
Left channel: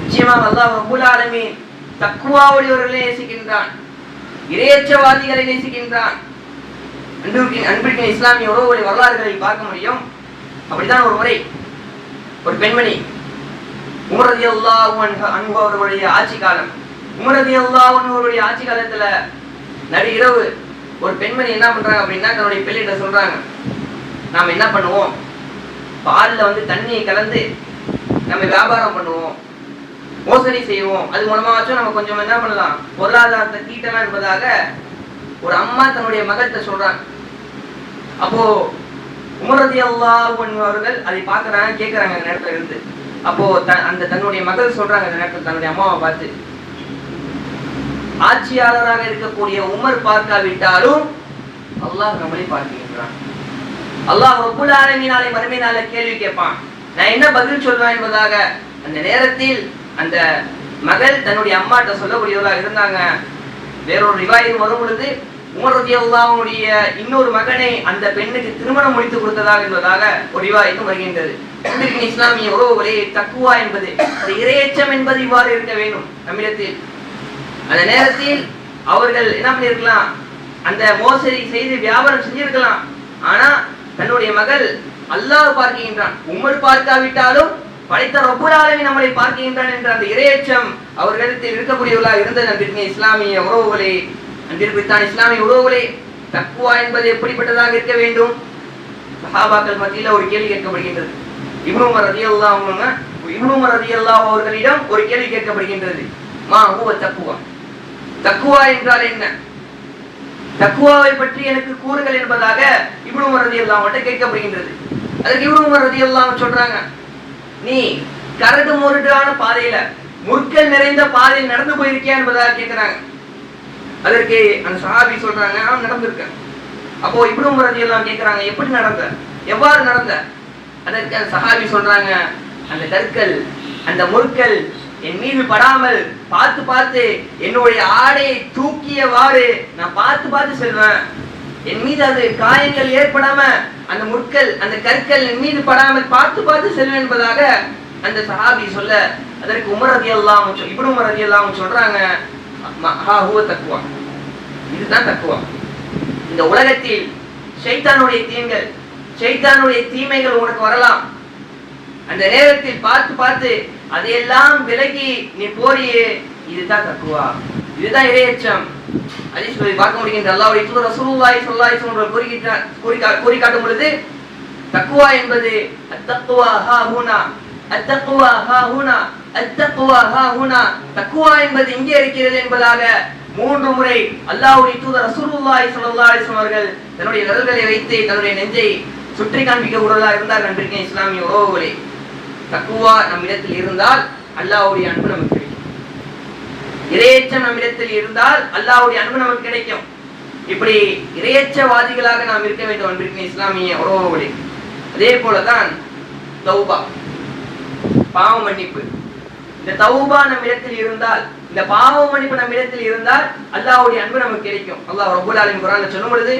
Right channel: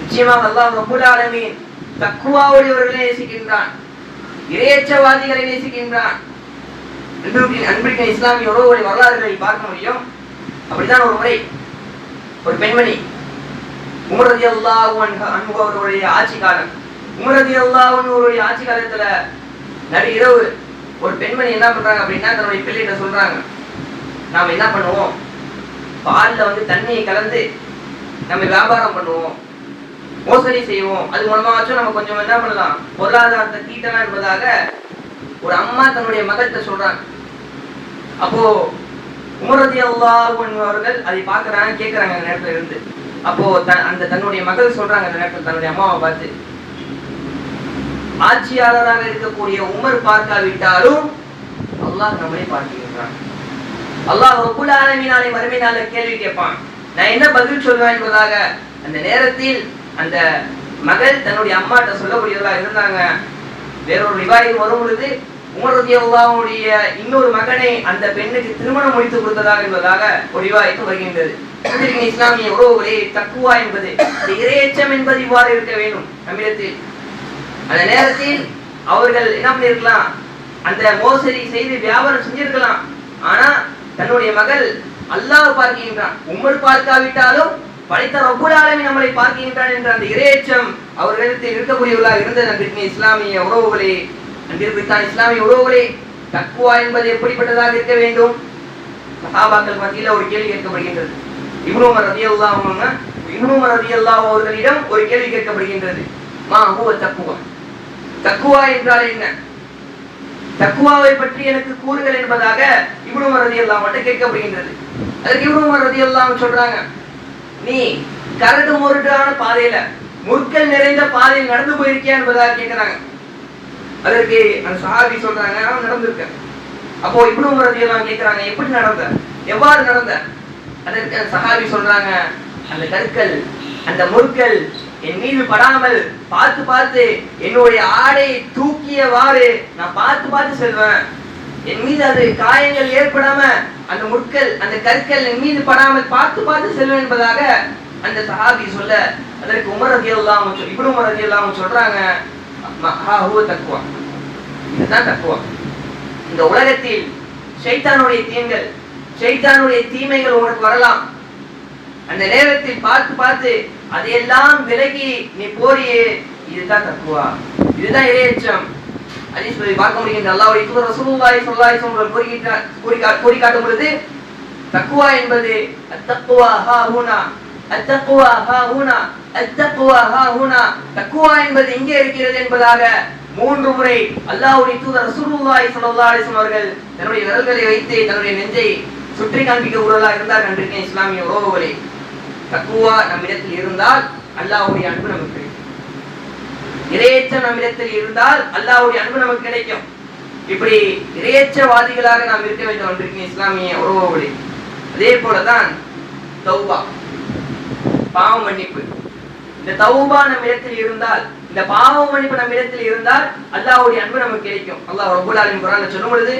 நிச்சயமாக அல்லாஹ் ரப்பல் ஆலமீன் தக்வாவுடையவர்களை நேசிக்கின்றான், இறையச்சவாதிகளை நேசிக்கின்றான். அன்பிற்கின் இஸ்லாமிய உறவுகளை வரலாறுகளை பார்க்க முடியும். அப்படிதான் ஒரு முறை ஒரு பெண்மணி, உமர் ரலியல்லாஹு அன்ஹு அவர்களுடைய ஆட்சி காலம், உமர் ரலியல்லாஹு அன்ஹு அவருடைய ஆட்சி காலத்துல நடு இரவு ஒரு பெண்மணி என்ன பண்றாங்க அப்படின்னா, தன்னுடைய பிள்ளைகிட்ட சொல்றாங்க, நாம என்ன பண்ணுவோம், பால்ல தண்ணியை கலந்து நம்ம வியாபாரம் பண்ணுவோம், மோசடி செய்வோம், அது மூலமாச்சும் நம்ம கொஞ்சம் என்ன பண்ணலாம், பொருளாதாரத்தை தீட்டலாம் என்பதாக ஒரு அம்மா தன்னுடைய மகத்தை சொல்றாங்க. அப்போ உமர் ரலியல்லாஹு அன்ஹு அவர்கள் அதை பார்க்கறாங்க, கேட்கறாங்க அந்த நேரத்துல இருந்து. அப்போ அந்த தன்னுடைய மகள் சொல்றாங்க அந்த நேரத்தில் தன்னுடைய அம்மாவை பார்த்து, ஆட்சியாளராக இருக்கக்கூடிய உமர் பார்க்காவிட்டாலும் அல்லாஹ் நம்மளை பார்க்கின்றான். அல்லாஹ் ரப்பல் ஆலமீன் நாளை மறுமை நாள கேள்வி கேட்பான், நான் என்ன பதில் சொல்லுவேன் என்பதாக அந்த நேரத்தில் அந்த மகள் தன்னுடைய அம்மாட்ட சொல்லக்கூடியவர்களாக இருந்தாங்க. வேறொரு ரிவாயத் வரும் பொழுது உமர் ரலியல்லாஹு அன்ஹுடைய இன்னொரு மகனை அந்த பெண்ணுக்கு திருமணம் முடித்து கொடுத்ததாக என்பதாக ஒரு ரிவாயத்தும் வருகின்றது. இஸ்லாமிய உறவுகளே, தக்வா என்பது இறையச்சம் என்பது இவ்வாறு இருக்க வேண்டும் நம்மிடத்தில். அந்த நேரத்தில் அவர்கள் என்ன பண்ணிருக்கலாம், அந்த மோசடி செய்து வியாபாரம் செஞ்சிருக்கலாம். ஆனா தன்னுடைய மகள் அல்லாஹ் பார்க்கின்றான், உமர் பார்க்காவிட்டாலும் படைத்த ரப்பல் ஆலமீன் நம்மளை பார்க்கின்றான் என்ற அந்த இறையச்சம் அவர்களிடத்தில் இருக்கக்கூடியவர்களாக இருந்தது. அன்பிற்கின் இஸ்லாமிய உறவுகளே, அன்பிற்குத்தான் இஸ்லாமிய உறவுகளே, தக்வா என்பது எப்படிப்பட்டதாக இருக்க வேண்டும்? சஹாபாக்கள் மத்தியில் ஒரு கேள்வி கேட்கப்படுகின்றது. இப்னு உமர் ரலியல்லாஹு அவர்களிடம் ஒரு கேள்வி கேட்கப்படுகின்றது, மா ஹுவ தக்வா, தக்வா என்றால் என்ன, தக்வாவை பற்றி எனக்கு கூறுங்கள் என்பதாக இப்னு உமர் ரலியல்லாஹு அவர்கிட்ட கேட்கப்படுகின்றது. அதுக்கு இப்னு உமர் ரலியல்லாஹு சொல்றாங்க, நீ கரடு முரடான பாதையில, முற்கள் நிறைந்த பாதையில் நடந்து போயிருக்கியா என்பதாக கேட்கிறாங்க. அதற்கு அந்த சஹாபி சொல்றாங்க, நான் நடந்திருக்கேன். அப்போ இப்னு உமர் ரலியல்லாஹு கேட்கிறாங்க, எப்படி நடந்த, எவ்வாறு நடந்த? அதற்கு அந்த சஹாபி சொல்றாங்க, அந்த கற்கள், அந்த முற்கள் என் மீது படாமல் பார்த்து பார்த்து என்னுடைய ஆடையை தூக்கியவாறு நான் பார்த்து பார்த்து செல்வேன். என் மீது அது காயங்கள் ஏற்படாம அந்த முற்கள், அந்த கற்கள் என் மீது படாமல் பார்த்து பார்த்து செல்வேன் என்பதாக அந்த சஹாபி சொல்ல, அதற்கு உமர் ரலியல்லாஹு அன்ஹு இப்னு உமர் ரலியல்லாஹு அன்ஹு சொல்றாங்க, ஹா ஹுவ தக்வா, இதுதான் தக்வா. இந்த உலகத்தில் ஷைத்தானுடைய தீமைகள், ஷைத்தானுடைய தீமைகள் உனக்கு வரலாம். அந்த நேரத்தில் பார்த்து பார்த்து அதையெல்லாம் விலகி நீ போறியே, இதுதான் தக்வா, இதுதான் இறையச்சம். ஹதீஸ்களை பார்க்க முடிகின்ற அல்லாஹ்வுடைய தூதர் ரசூலுல்லாஹி ஸல்லல்லாஹு அலைஹி வஸல்லம் கூறி காட்டும் பொழுது, தக்வா என்பது அத்தக்வா ஹா ஹுனா, அத்தக்வா ஹா ஹுனா, அத்தக்வா ஹா ஹுனா, தக்வா என்பது இங்கே இருக்கிறது என்பதாக 3 முறை அல்லாஹ்வுடைய தூதர் ரசூலுல்லாஹி ஸல்லல்லாஹு அலைஹி வஸல்லம் அவர்கள் தன்னுடைய விரல்களை வைத்து தன்னுடைய நெஞ்சை சுற்றி காண்பிக்க உருவதாக இருந்தார். அன்றைக்கு இஸ்லாமிய உறவுகளே, தக்குவா நம்மிடத்தில் இருந்தால் அல்லாஹ்வுடைய அன்பு நமக்கு கிடைக்கும். இறையச்சம் நம்மிடத்தில் இருந்தால் அல்லாஹ்வுடைய அன்பு நமக்கு கிடைக்கும். இப்படி இறையச்சவாதிகளாக நாம் இருக்க வேண்டும் என்று இஸ்லாமிய உறவுகளே. அதே போலதான் தௌபா, பாவ மன்னிப்பு. இந்த தௌபா நம்மிடத்தில் இருந்தால், இந்த பாவ மன்னிப்பு நம்மிடத்தில் இருந்தால் அல்லாஹ்வுடைய அன்பு நமக்கு கிடைக்கும். அல்லாஹ் ரப்பல் ஆலமீன் குர்ஆன்ல சொல்லும் பொழுது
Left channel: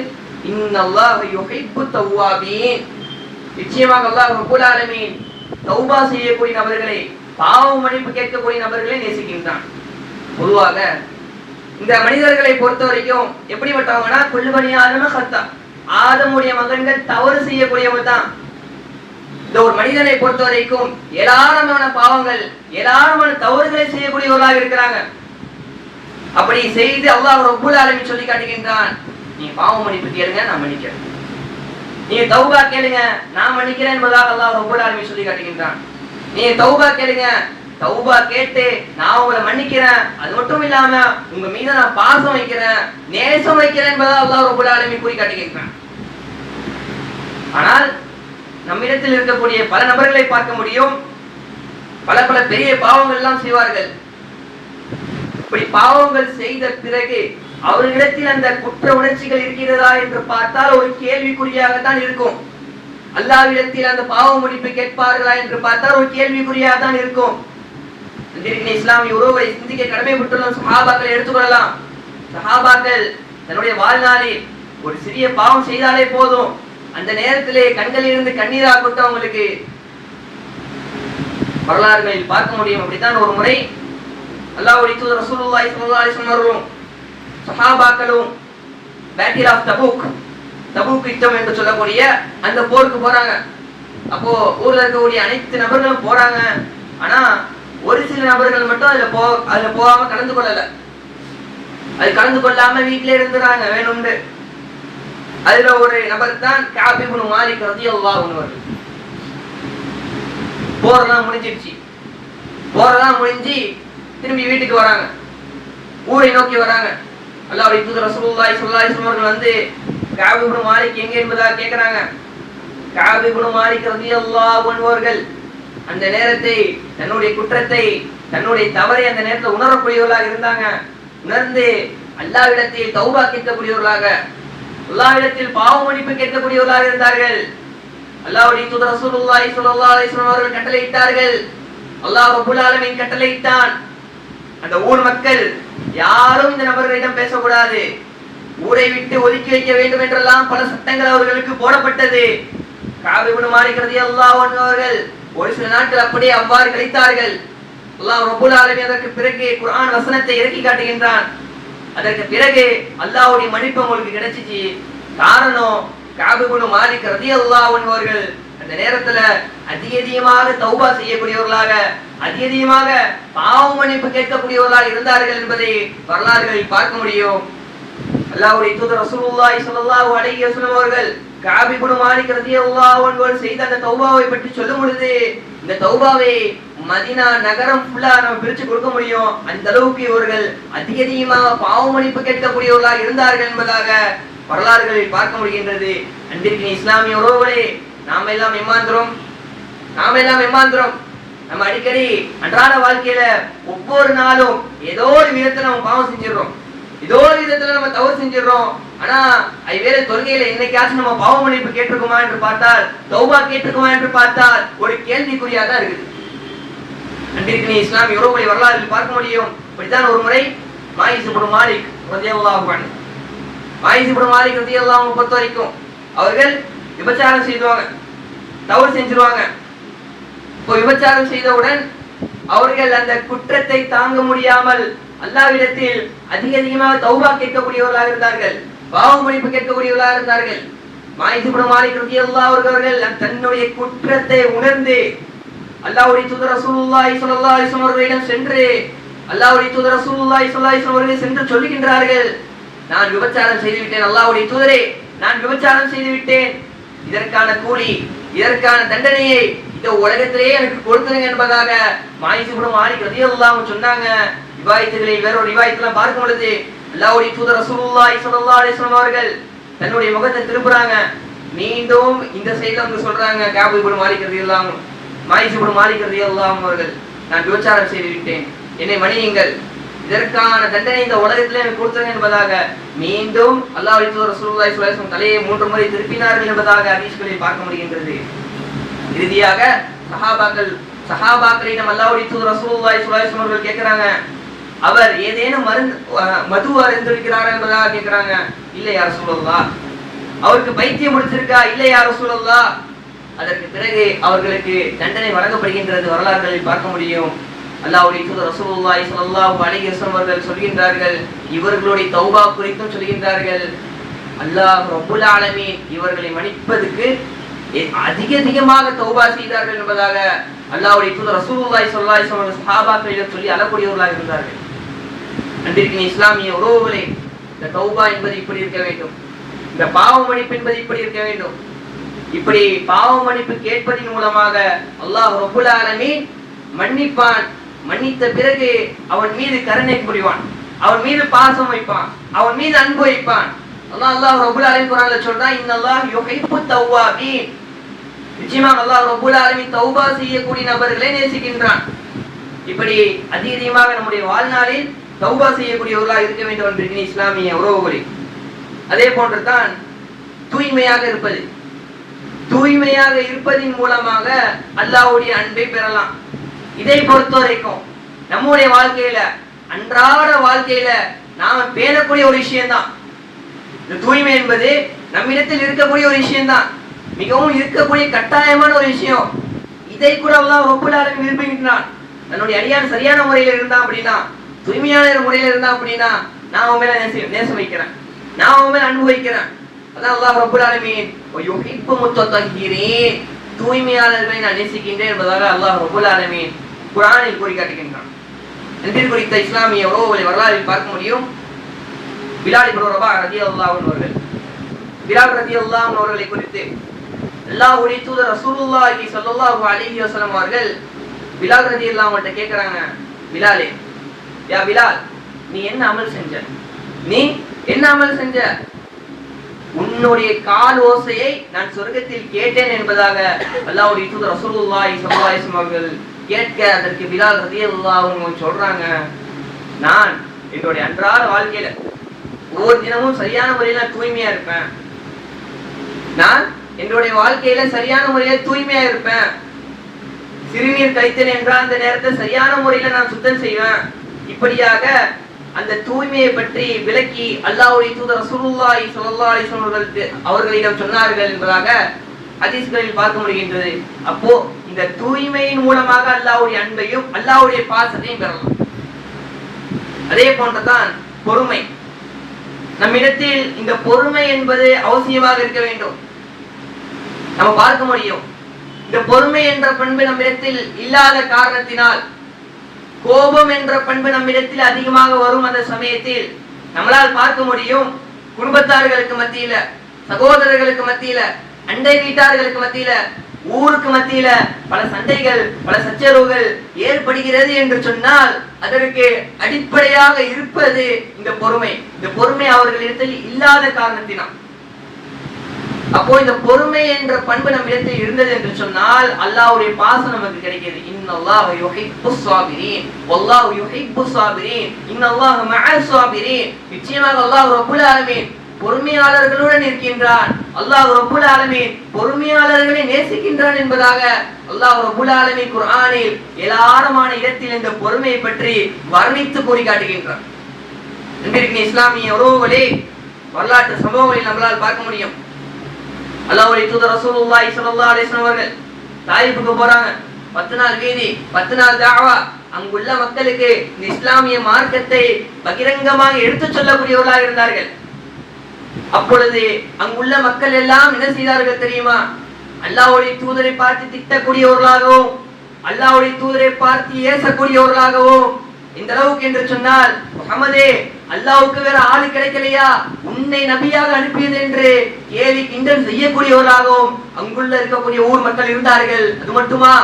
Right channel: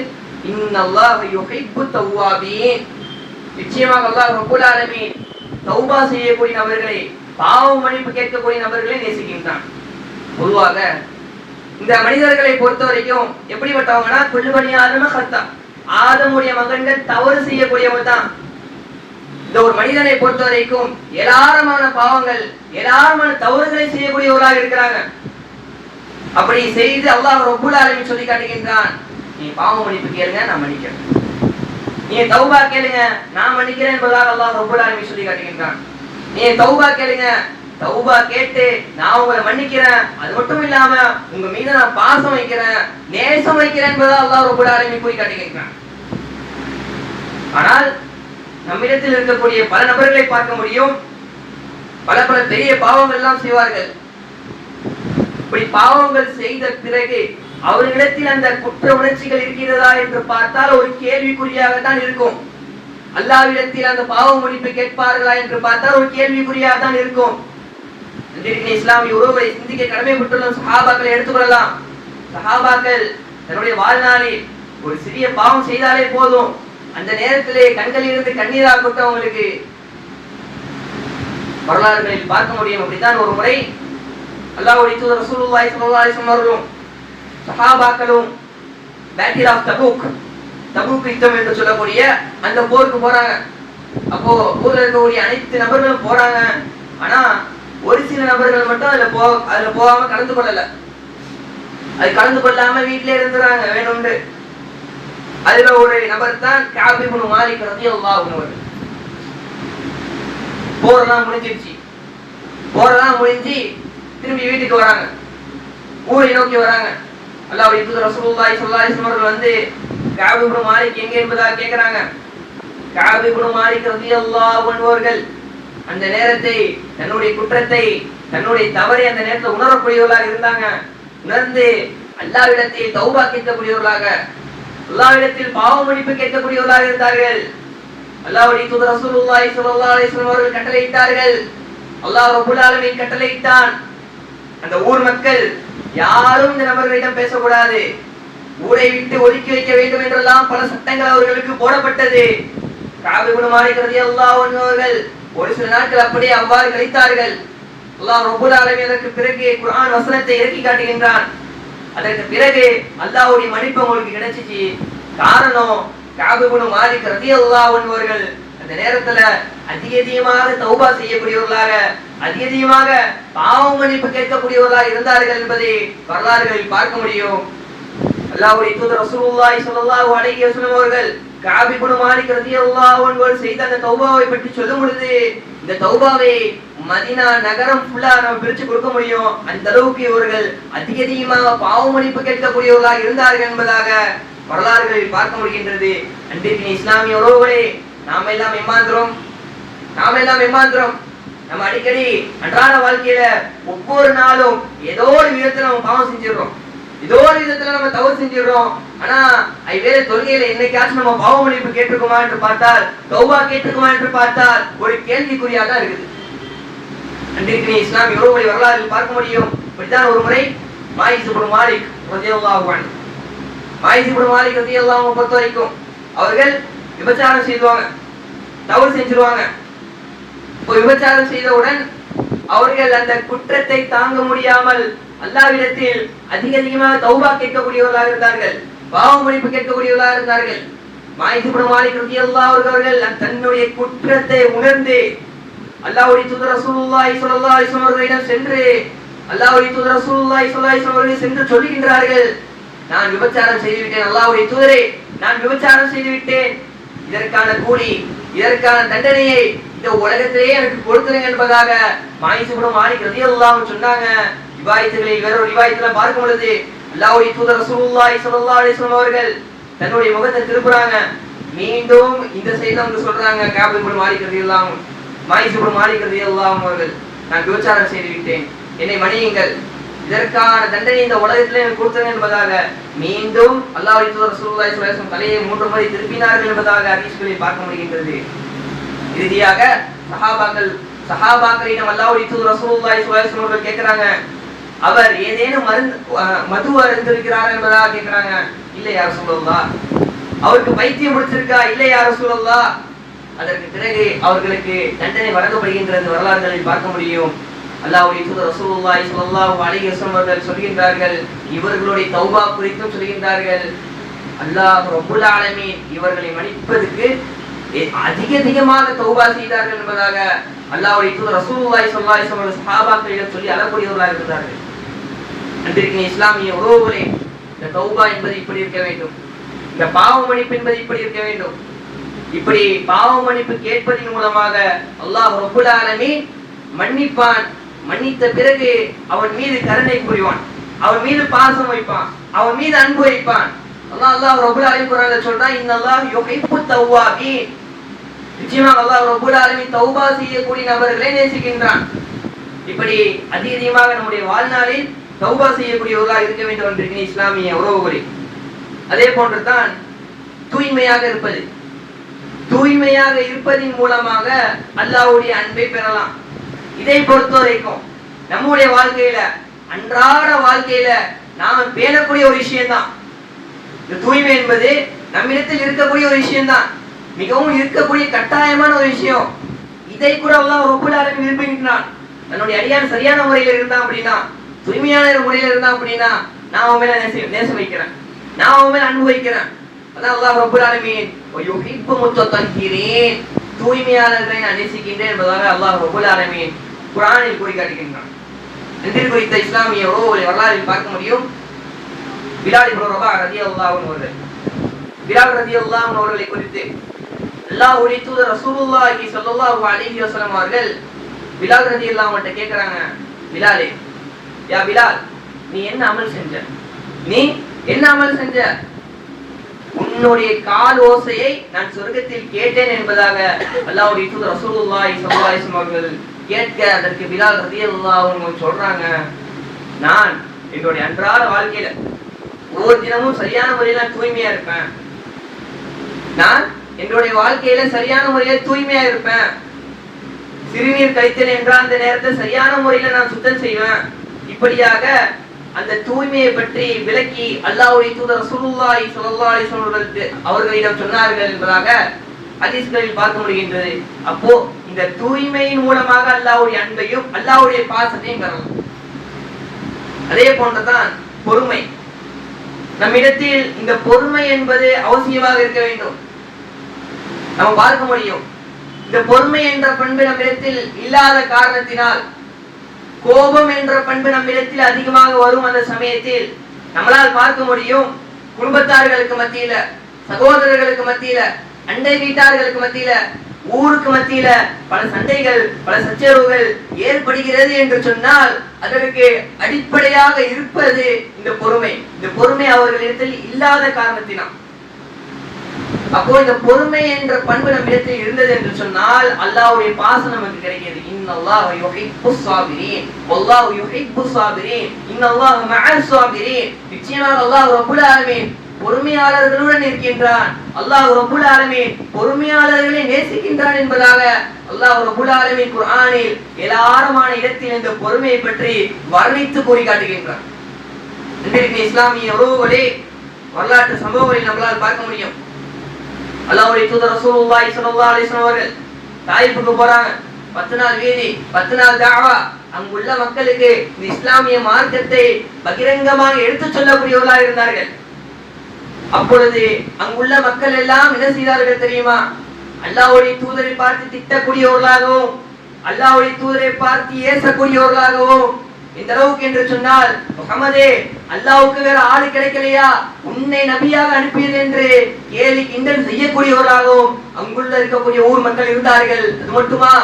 இன்னல்லாஹ யுஹிப்பு தவ்வாபீன், நிச்சயமாக அல்லாஹ் ரப்பல் ஆலமீன் தௌபா செய்யக்கூடிய நபர்களை, பாவ மன்னிப்பு கேட்கக்கூடிய நபர்களை நேசிக்கின்றான். பொதுவாக இந்த மனிதர்களை பொறுத்த வரைக்கும் எப்படிப்பட்டவங்கன்னா, குல்லுபனி ஆதம கத்தா, ஆதமுடைய மகன்கள் தவறு செய்யக்கூடியவங்க தான். இந்த ஒரு மனிதனை பொறுத்த வரைக்கும் ஏராளமான பாவங்கள், ஏராளமான தவறுகளை செய்யக்கூடியவர்களாக இருக்கிறாங்க. அப்படி செய்து அல்லாஹ் ரப்பல் ஆலமீன் சொல்லி காட்டுகின்றான், நீ பாவ மன்னிப்பு கேளுங்க, நான் மன்னிக்கிறேன். நீ தௌபா கேளுங்க, நான் மன்னிக்கிறேன் என்பதாக அல்லாஹ் ரப்பல் ஆலமீன் சொல்லி காட்டுகின்றான். நீ தௌபா கேளுங்க, தௌபா கேட்டு நான் உங்களை மன்னிக்கிறேன், அது மட்டும் இல்லாம உங்க மீது நான் பாசம் வைக்கிறேன், நேசம் வைக்கிறேன் என்பதாக அல்லாஹ் ரப்பல் ஆலமீன் கூறி காட்டுகின்றான். ஆனால் நம்மிடத்தில் இருக்கக்கூடிய பல நபர்களை பார்க்க முடியும், பல பல பெரிய பாவங்கள் எல்லாம் செய்வார்கள். இப்படி பாவங்கள் செய்த பிறகு அவர்களிடத்தில் அந்த குற்ற உணர்ச்சிகள் இருக்கிறதா என்று பார்த்தால் ஒரு கேள்விக்குறியாகத்தான் இருக்கும். அல்லாஹ்விடத்தில் அந்த பாவ மன்னிப்பு கேட்பார்களா என்று பார்த்தால் ஒரு கேள்விக்குறியாக தான் இருக்கும். இஸ்லாமிய உறவுகளை சிந்திக்க கடமைப்பட்டுள்ள சஹாபாக்களை எடுத்துக்கொள்ளலாம். சஹாபாக்கள் தன்னுடைய வாழ்நாளில் ஒரு சிறிய பாவம் செய்தாலே போதும், அந்த நேரத்திலே கண்களில் இருந்து கண்ணீராகட்டும் அவங்களுக்கு வரலாறுகளில் பார்க்க முடியும். அப்படித்தான் ஒரு முறை அல்லாஹ்வுடைய தூதர் ரசூலுல்லாஹி ஸல்லல்லாஹு அலைஹி வஸல்லம் அவர்களும் சஹாபாக்களும் பேட்டில் ஆஃப் தபூக், தபூக் யுத்தம் என்று சொல்லக்கூடிய அந்த போருக்கு போறாங்க. அப்போ ஊர்ல இருக்கக்கூடிய அனைத்து நபர்களும் போறாங்க. ஆனா ஒரு சில நபர்கள் மட்டும் அதுல போகாம கலந்து கொள்ளல. அது கலந்து கொள்ளாம வீட்டிலே இருந்துறாங்க வேணும்னு. அதுல ஒரு நபர் தான் கஅப் இப்னு மாலிக் ரலியல்லாஹு அன்ஹு. போரெல்லாம் முடிஞ்சிருச்சு. போரெல்லாம் முடிஞ்சு திரும்பி வீட்டுக்கு வராங்க, ஊரை நோக்கி வராங்க. அல்லாஹ்வுடைய தூதர் ரசூலுல்லாஹி ஸல்லல்லாஹு அலைஹி வஸல்லம் அவர்கள் வந்து கஅப் இப்னு மாலிக் எங்க என்பதாக கேக்குறாங்க. கஅப் இப்னு மாலிக் ரலியல்லாஹு அன்ஹு அவர்கள் அந்த நேரத்தை, தன்னுடைய குற்றத்தை, தன்னுடைய தவறை அந்த நேரத்தில் உணரக்கூடியவர்களாக இருந்தாங்க. உணர்ந்து அல்லாஹ்விடத்தில் தௌபா கேட்கக்கூடியவர்களாக, அல்லாஹ்விடத்தில் பாவ மன்னிப்பு கேட்கக்கூடியவர்களாக இருந்தார்கள். அல்லாஹ்வுடைய தூதர் ரசூலுல்லாஹி ஸல்லல்லாஹு அலைஹி வஸல்லம் அவர்கள் கட்டளையிட்டார்கள். அல்லாஹ் ரப்பல் ஆலமீன் கட்டளையிட்டான், அந்த ஊர் மக்கள் யாரும் இந்த நபர்களிடம் பேசக்கூடாது, ஊரை விட்டு ஒதுக்கி வைக்க வேண்டும் என்றெல்லாம் பல சட்டங்கள் அவர்களுக்கு போடப்பட்டது. கஅப் இப்னு மாலிக் ரலியல்லாஹு அன்ஹு அவர்கள் ஒரு சில நாட்கள் அப்படியே அவ்வாறு கழித்தார்கள். அல்லாஹ் ரப்பல் ஆலமீன் அதற்கு பிறகு குர்ஆன் வசனத்தை இறக்கி காட்டுகின்றான். அதற்கு பிறகு அல்லாஹ்வுடைய மன்னிப்பு உங்களுக்கு கிடைச்சிச்சு. காரணம், கஅப் இப்னு மாலிக் ரலியல்லாஹு அன்ஹு அவர்கள் அந்த நேரத்துல அதிகமாக தௌபா செய்யக்கூடியவர்களாக, அதிகமாக பாவ மன்னிப்பு கேட்கக்கூடியவர்களாக இருந்தார்கள் என்பதை வரலாறுகளில் பார்க்க முடியும். அல்லாஹ்வுடைய தூதர் ரசூலுல்லாஹி ஸல்லல்லாஹு அலைஹி வஸல்லம் அவர்கள் கஅப் இப்னு மாலிக் ரலியல்லாஹு அன்ஹு அவர்கள் செய்த அந்த தௌபாவை பற்றி சொல்லும் பொழுது, இந்த தௌபாவை மதீனா நகரம் ஃபுல்லா நம்ம பிரிச்சு கொடுக்க முடியும். அந்த அளவுக்கு இவர்கள் அதிகமாக பாவ மன்னிப்பு கேட்கக்கூடியவர்களாக இருந்தார்கள் என்பதாக வரலாறுகளில் பார்க்க முடிகின்றது. அன்றைக்கு இஸ்லாமிய உறவுகளே, நாம எல்லாம் ஏமாந்துறோம். நம்ம அடிக்கடி அன்றாட வாழ்க்கையில ஒவ்வொரு நாளும் ஏதோ ஒரு விதத்துல நம்ம பாவம் செஞ்சிடறோம், ஏதோ ஒரு விதத்துல நம்ம தவறு செஞ்சிடறோம். ஆனா ஐவேளை தொழுகையில என்னைக்காச்சும் நம்ம பாவ மன்னிப்பு கேட்டிருக்குமா என்று பார்த்தால், தௌபா கேட்டிருக்குமா என்று பார்த்தால் ஒரு கேள்விக்குறியாக தான் இருக்குது. அன்றைக்கு இஸ்லாமிய உறவுகளை வரலாற்றில் பார்க்க முடியும். இப்படித்தான் ஒரு முறை மாயிஸ் இப்னு மாலிக் ரலியல்லாஹு அன்ஹு, மாயிஸ் இப்னு மாலிக் ரலியல்லாஹு அன்ஹு பொறுத்த வரைக்கும் அவர்கள் விபச்சாரம் செய்வாங்க, தவறு செஞ்சிருவாங்க. இப்போ விபச்சாரம் செய்தவுடன் அவர்கள் அந்த குற்றத்தை தாங்க முடியாமல் அல்லாஹ்விடத்தில் அதிகமாக தௌபா கேட்கக்கூடியவர்களாக இருந்தார்கள், பாவ மன்னிப்பு கேட்கக்கூடியவர்களாக இருந்தார்கள். மாயிஸ் இப்னு மாலிக் ரலியல்லாஹு அன்ஹு அவர்கள் தன்னுடைய குற்றத்தை உணர்ந்து அல்லாஹ்வுடைய தூதர் ரசூலுல்லாஹி ஸல்லல்லாஹு அலைஹி வஸல்லம் அவர்களிடம் சென்று, அல்லாஹ்வுடைய தூதர் ரசூலுல்லாஹி ஸல்லல்லாஹு அலைஹி வஸல்லம் அவர்கள் சென்று சொல்லுகின்றார்கள், நான் விபச்சாரம் செய்து விட்டேன், அல்லாஹ்வுடைய தூதரே நான் விபச்சாரம் செய்து விட்டேன், இதற்கான கூலி, இதற்கான தண்டனையை இந்த உலகத்திலேயே எனக்கு கொடுத்துருங்க என்பதாக மாயிஸ் இப்னு மாலிக் ரலியல்லாஹு அன்ஹு சொன்னாங்க. ரிவாயத்துகளில் வேறொரு ரிவாயத்துல பார்க்கும் பொழுது அல்லாஹ்வுடைய தூதர் ரசூலுல்லாஹி ஸல்லல்லாஹு அலைஹி வஸல்லம் அவர்கள் தன்னுடைய முகத்தை திருப்புறாங்க, மீண்டும் இந்த சைடுல வந்து சொல்றாங்க, கஅப் இப்னு மாலிக் ரலியல்லாஹு அன்ஹு மாயிஸ் இப்னு மாலிக் ரலியல்லாஹு அன்ஹு அவர்கள், நான் விபச்சாரம் செய்து விட்டேன், என்னை மன்னியுங்கள், இதற்கான தண்டனை இந்த உலகத்திலே எனக்கு கொடுத்தேன் என்பதாக மீண்டும் அல்லாஹ்வுடைய தூதர் ரசூலுல்லாஹி ஸல்லல்லாஹு அலைஹி வஸல்லம் தலையை 3 முறை திருப்பினார்கள் என்பதாக ஹதீஸ்களில் பார்க்க முடிகின்றது. இறுதியாக சஹாபாக்களிடம் அல்லாஹ்வுடைய தூதர் ரசூலுல்லாஹி ஸல்லல்லாஹு அலைஹி வஸல்லம் அவர்கள் கேக்குறாங்க, அவர் ஏதேனும் மது அருந்திருக்கிறாரா என்பதாக கேக்குறாங்க. இல்லை யா ரசூலுல்லாஹ். அவருக்கு பைத்தியம் பிடிச்சிருக்கா? இல்லை யா ரசூலுல்லாஹ். அதற்கு பிறகு அவர்களுக்கு தண்டனை வழங்கப்படுகின்றது. வரலாறுகளில் பார்க்க முடியும். அல்லாஹ்வுடைய தூதர் ரசூலுல்லாஹி ஸல்லல்லாஹு அலைஹி வஸல்லம் அவர்கள் சொல்கின்றார்கள், இவர்களுடைய தௌபா குறித்தும் சொல்கின்றார்கள், அல்லாஹ் ரப்புல் ஆலமீன் இவர்களை மன்னிப்பதற்கு அதிகமாக தௌபா செய்தார்கள் என்பதாக அல்லாஹ்வுடைய தூதர் ரசூலுல்லாஹி ஸல்லல்லாஹு அலைஹி வஸல்லம் சஹாபாக்களிடம் சொல்லி அழக்கூடியவர்களாக இருந்தார்கள். அன்பிற்கினிய இஸ்லாமிய உறவுகளே, இந்த தௌபா என்பது இப்படி இருக்க வேண்டும், இந்த பாவ மன்னிப்பு என்பது இப்படி இருக்க வேண்டும். இப்படி பாவ மன்னிப்பு கேட்பதன் மூலமாக அல்லாஹ் ரப்புல் ஆலமீன் மன்னிப்பான். மன்னித்த பிறகு அவன் மீது கருணை புரிவான், அவன் மீது பாசம் வைப்பான், அவன் மீது அன்பு வைப்பான். அல்லாஹ் ரப்புல் ஆலமீன் குர்ஆன்ல சொல்றான், இன்னல்லாஹ் யுஹிப்புத் தவ்வாபீன். நிச்சயமாக அல்லாஹ் ரப்புல் ஆலமீன் தௌபா செய்யக்கூடிய நபர்களை நேசிக்கின்றான். இப்படி அதிகமாக நம்முடைய வாழ்நாளில் தௌபா செய்யக்கூடியவர்களாக இருக்க வேண்டும் என்று இஸ்லாமிய உறவுகளே. அதே போன்றுதான் தூய்மையாக இருப்பது. தூய்மையாக இருப்பதின் மூலமாக அல்லாஹ்வுடைய அன்பை பெறலாம். இதை பொறுத்த வரைக்கும் நம்முடைய வாழ்க்கையில, அன்றாட வாழ்க்கையில நாம பேணக்கூடிய ஒரு விஷயம்தான் இந்த தூய்மை என்பது. நம்மிடத்தில் இருக்கக்கூடிய ஒரு விஷயம்தான், மிகவும் இருக்கக்கூடிய கட்டாயமான ஒரு விஷயம். இதை கூட அல்லாஹ் ரப்புல் ஆலமீன் விரும்புகின்றான். தன்னுடைய அடியான் சரியான முறையில் இருந்தான் அப்படின்னா, தூய்மையான முறையில் இருந்தான் அப்படின்னா, நான் அவன் மேல நேசம் வைக்கிறேன், நான் அவன் மேல அன்பு வைக்கிறேன். அதான் அல்லாஹ் ரப்புல் ஆலமீன் யுஹிப்பு முத்தஹிரீன், தூய்மையாளர்களை நான் நேசிக்கின்றேன் என்பதாக அல்லாஹ் ரப்புல் ஆலமீன் குர்ஆனில் கூறி காட்டுகின்றான். அன்பில் குறித்த இஸ்லாமிய உறவுகளை வரலாற்றில் பார்க்க முடியும். பிலால் இப்னு ரபாஹ் ரலியல்லாஹு அன்ஹு அவர்கள், பிலால் ரலியல்லாஹு அன்ஹு அவர்களை குறித்து அல்லாஹ்வுடைய தூதர் ரசூலுல்லாஹி ஸல்லல்லாஹு அலைஹி வஸல்லம் அவர்கள் பிலால் ரலியல்லாஹு அன்ஹு கிட்ட கேக்குறாங்க, பிலாலே, யா பிலால், நீ என்ன அமல் செஞ்ச? நீ என்ன அமல் செஞ்ச? உன்னுடைய கால் ஓசையை நான் சொர்க்கத்தில் கேட்டேன் என்பதாக அல்லாஹ்வுடைய தூதர் ரசூலுல்லாஹி ஸல்லல்லாஹு அலைஹி வஸல்லம் அவர்கள் கேட்க, அதற்கு பிலால் ரலியல்லாஹு அன்ஹு சொல்றாங்க, நான் என்னுடைய அன்றாட வாழ்க்கையில ஒவ்வொரு தினமும் சரியான முறையில தூய்மையா இருப்பேன், நான் என்னுடைய வாழ்க்கையில சரியான முறையில தூய்மையா இருப்பேன், சிறுநீர் கழித்தேன் என்றால் அந்த நேரத்தை சரியான முறையில நான் சுத்தம் செய்வேன். இப்படியாக அந்த தூய்மையை பற்றி விளக்கி அல்லாஹ்வுடைய தூதர் ரசூலுல்லாஹி ஸல்லல்லாஹு அலைஹி வஸல்லம் அவர்களிடம் சொன்னார்கள் என்பதாக ஹதீஸ்களில் பார்க்க முடிகின்றது. அப்போ இந்த தூய்மையின் மூலமாக அல்லாஹ்வுடைய அன்பையும் அல்லாஹ்வுடைய பாசத்தையும் பெறலாம். அதே போன்றுதான் பொறுமை. நம்மிடத்தில் இந்த பொறுமை என்பது அவசியமாக இருக்க வேண்டும். நம்ம பார்க்க முடியும், இந்த பொறுமை என்ற பண்பு நம்மிடத்தில் இல்லாத காரணத்தினால் கோபம் என்ற பண்பு நம்மிடத்தில் அதிகமாக வரும். அந்த சமயத்தில் நம்மளால் பார்க்க முடியும், குடும்பத்தார்களுக்கு மத்தியில, சகோதரர்களுக்கு மத்தியில, அண்டை வீட்டார்களுக்கு மத்தியில, ஊருக்கு மத்தியில பல சண்டைகள், பல சச்சரவுகள் ஏற்படுகிறது என்று சொன்னால் அதற்கு அடிப்படையாக இருப்பது இந்த பொறுமை. இந்த பொறுமை அவர்களிடத்தில் இல்லாத காரணத்தினால். அப்போ இந்த பொறுமை என்ற பண்பு நம்மிடத்தில் இருந்தது என்று சொன்னால் அல்லாஹ்வுடைய பாசம் நமக்கு கிடைக்கிறது. இன்னல்லாஹ யுஹிப்புஸ் ஸாபிரீன் வல்லாஹு யுஹிப்புஸ் ஸாபிரீன் இன்னல்லாஹ மஅஸ் ஸாபிரீன். நிச்சயமாக அல்லாஹ் ரப்புல் ஆலமீன் பொறுமையாளர்களுடன் இருக்கின்றான். அல்லாஹ் ரப்புல் ஆலமீன் பொறுமையாளர்களை நேசிக்கின்றான் என்பதாக அல்லாஹ் ரப்புல் ஆலமீன் குர்ஆனில் ஏராளமான இடத்தில் இந்த பொறுமையை பற்றி வர்ணித்து கூறி காட்டுகின்றான். இன்றைக்கு இஸ்லாமிய உறவுகளே, வரலாற்று சம்பவங்களில் நம்மளால் பார்க்க முடியும். அல்லாஹ்வுடைய தூதர் ரசூலுல்லாஹி ஸல்லல்லாஹு அலைஹி வஸல்லம் அவர்கள் தாயிஃபுக்கு போறாங்க. 10 நாள் வீதி, 10 நாள் தஅவா. அங்குள்ள மக்களுக்கு இந்த இஸ்லாமிய மார்க்கத்தை பகிரங்கமாக எடுத்துச் சொல்லக்கூடியவர்களாக இருந்தார்கள். அப்பொழுது அங்குள்ள மக்கள் எல்லாம் என்ன செய்தார்கள் தெரியுமா? அல்லாஹ்வுடைய தூதரை பார்த்து திட்டக்கூடியவர்களாகவும், அல்லாஹ்வுடைய தூதரை பார்த்து ஏசக்கூடியவர்களாகவும், இந்த அளவுக்கு என்று சொன்னால், முஹம்மதே, அல்லாஹ்வுக்கு வேற ஆளு கிடைக்கலையா, உன்னை நபியாக அனுப்பியது என்று கேலி கிண்டல் செய்யக்கூடியவர்களாகவும் அங்குள்ள இருக்கக்கூடிய ஊர் மக்கள் இருந்தார்கள். அது மட்டுமா,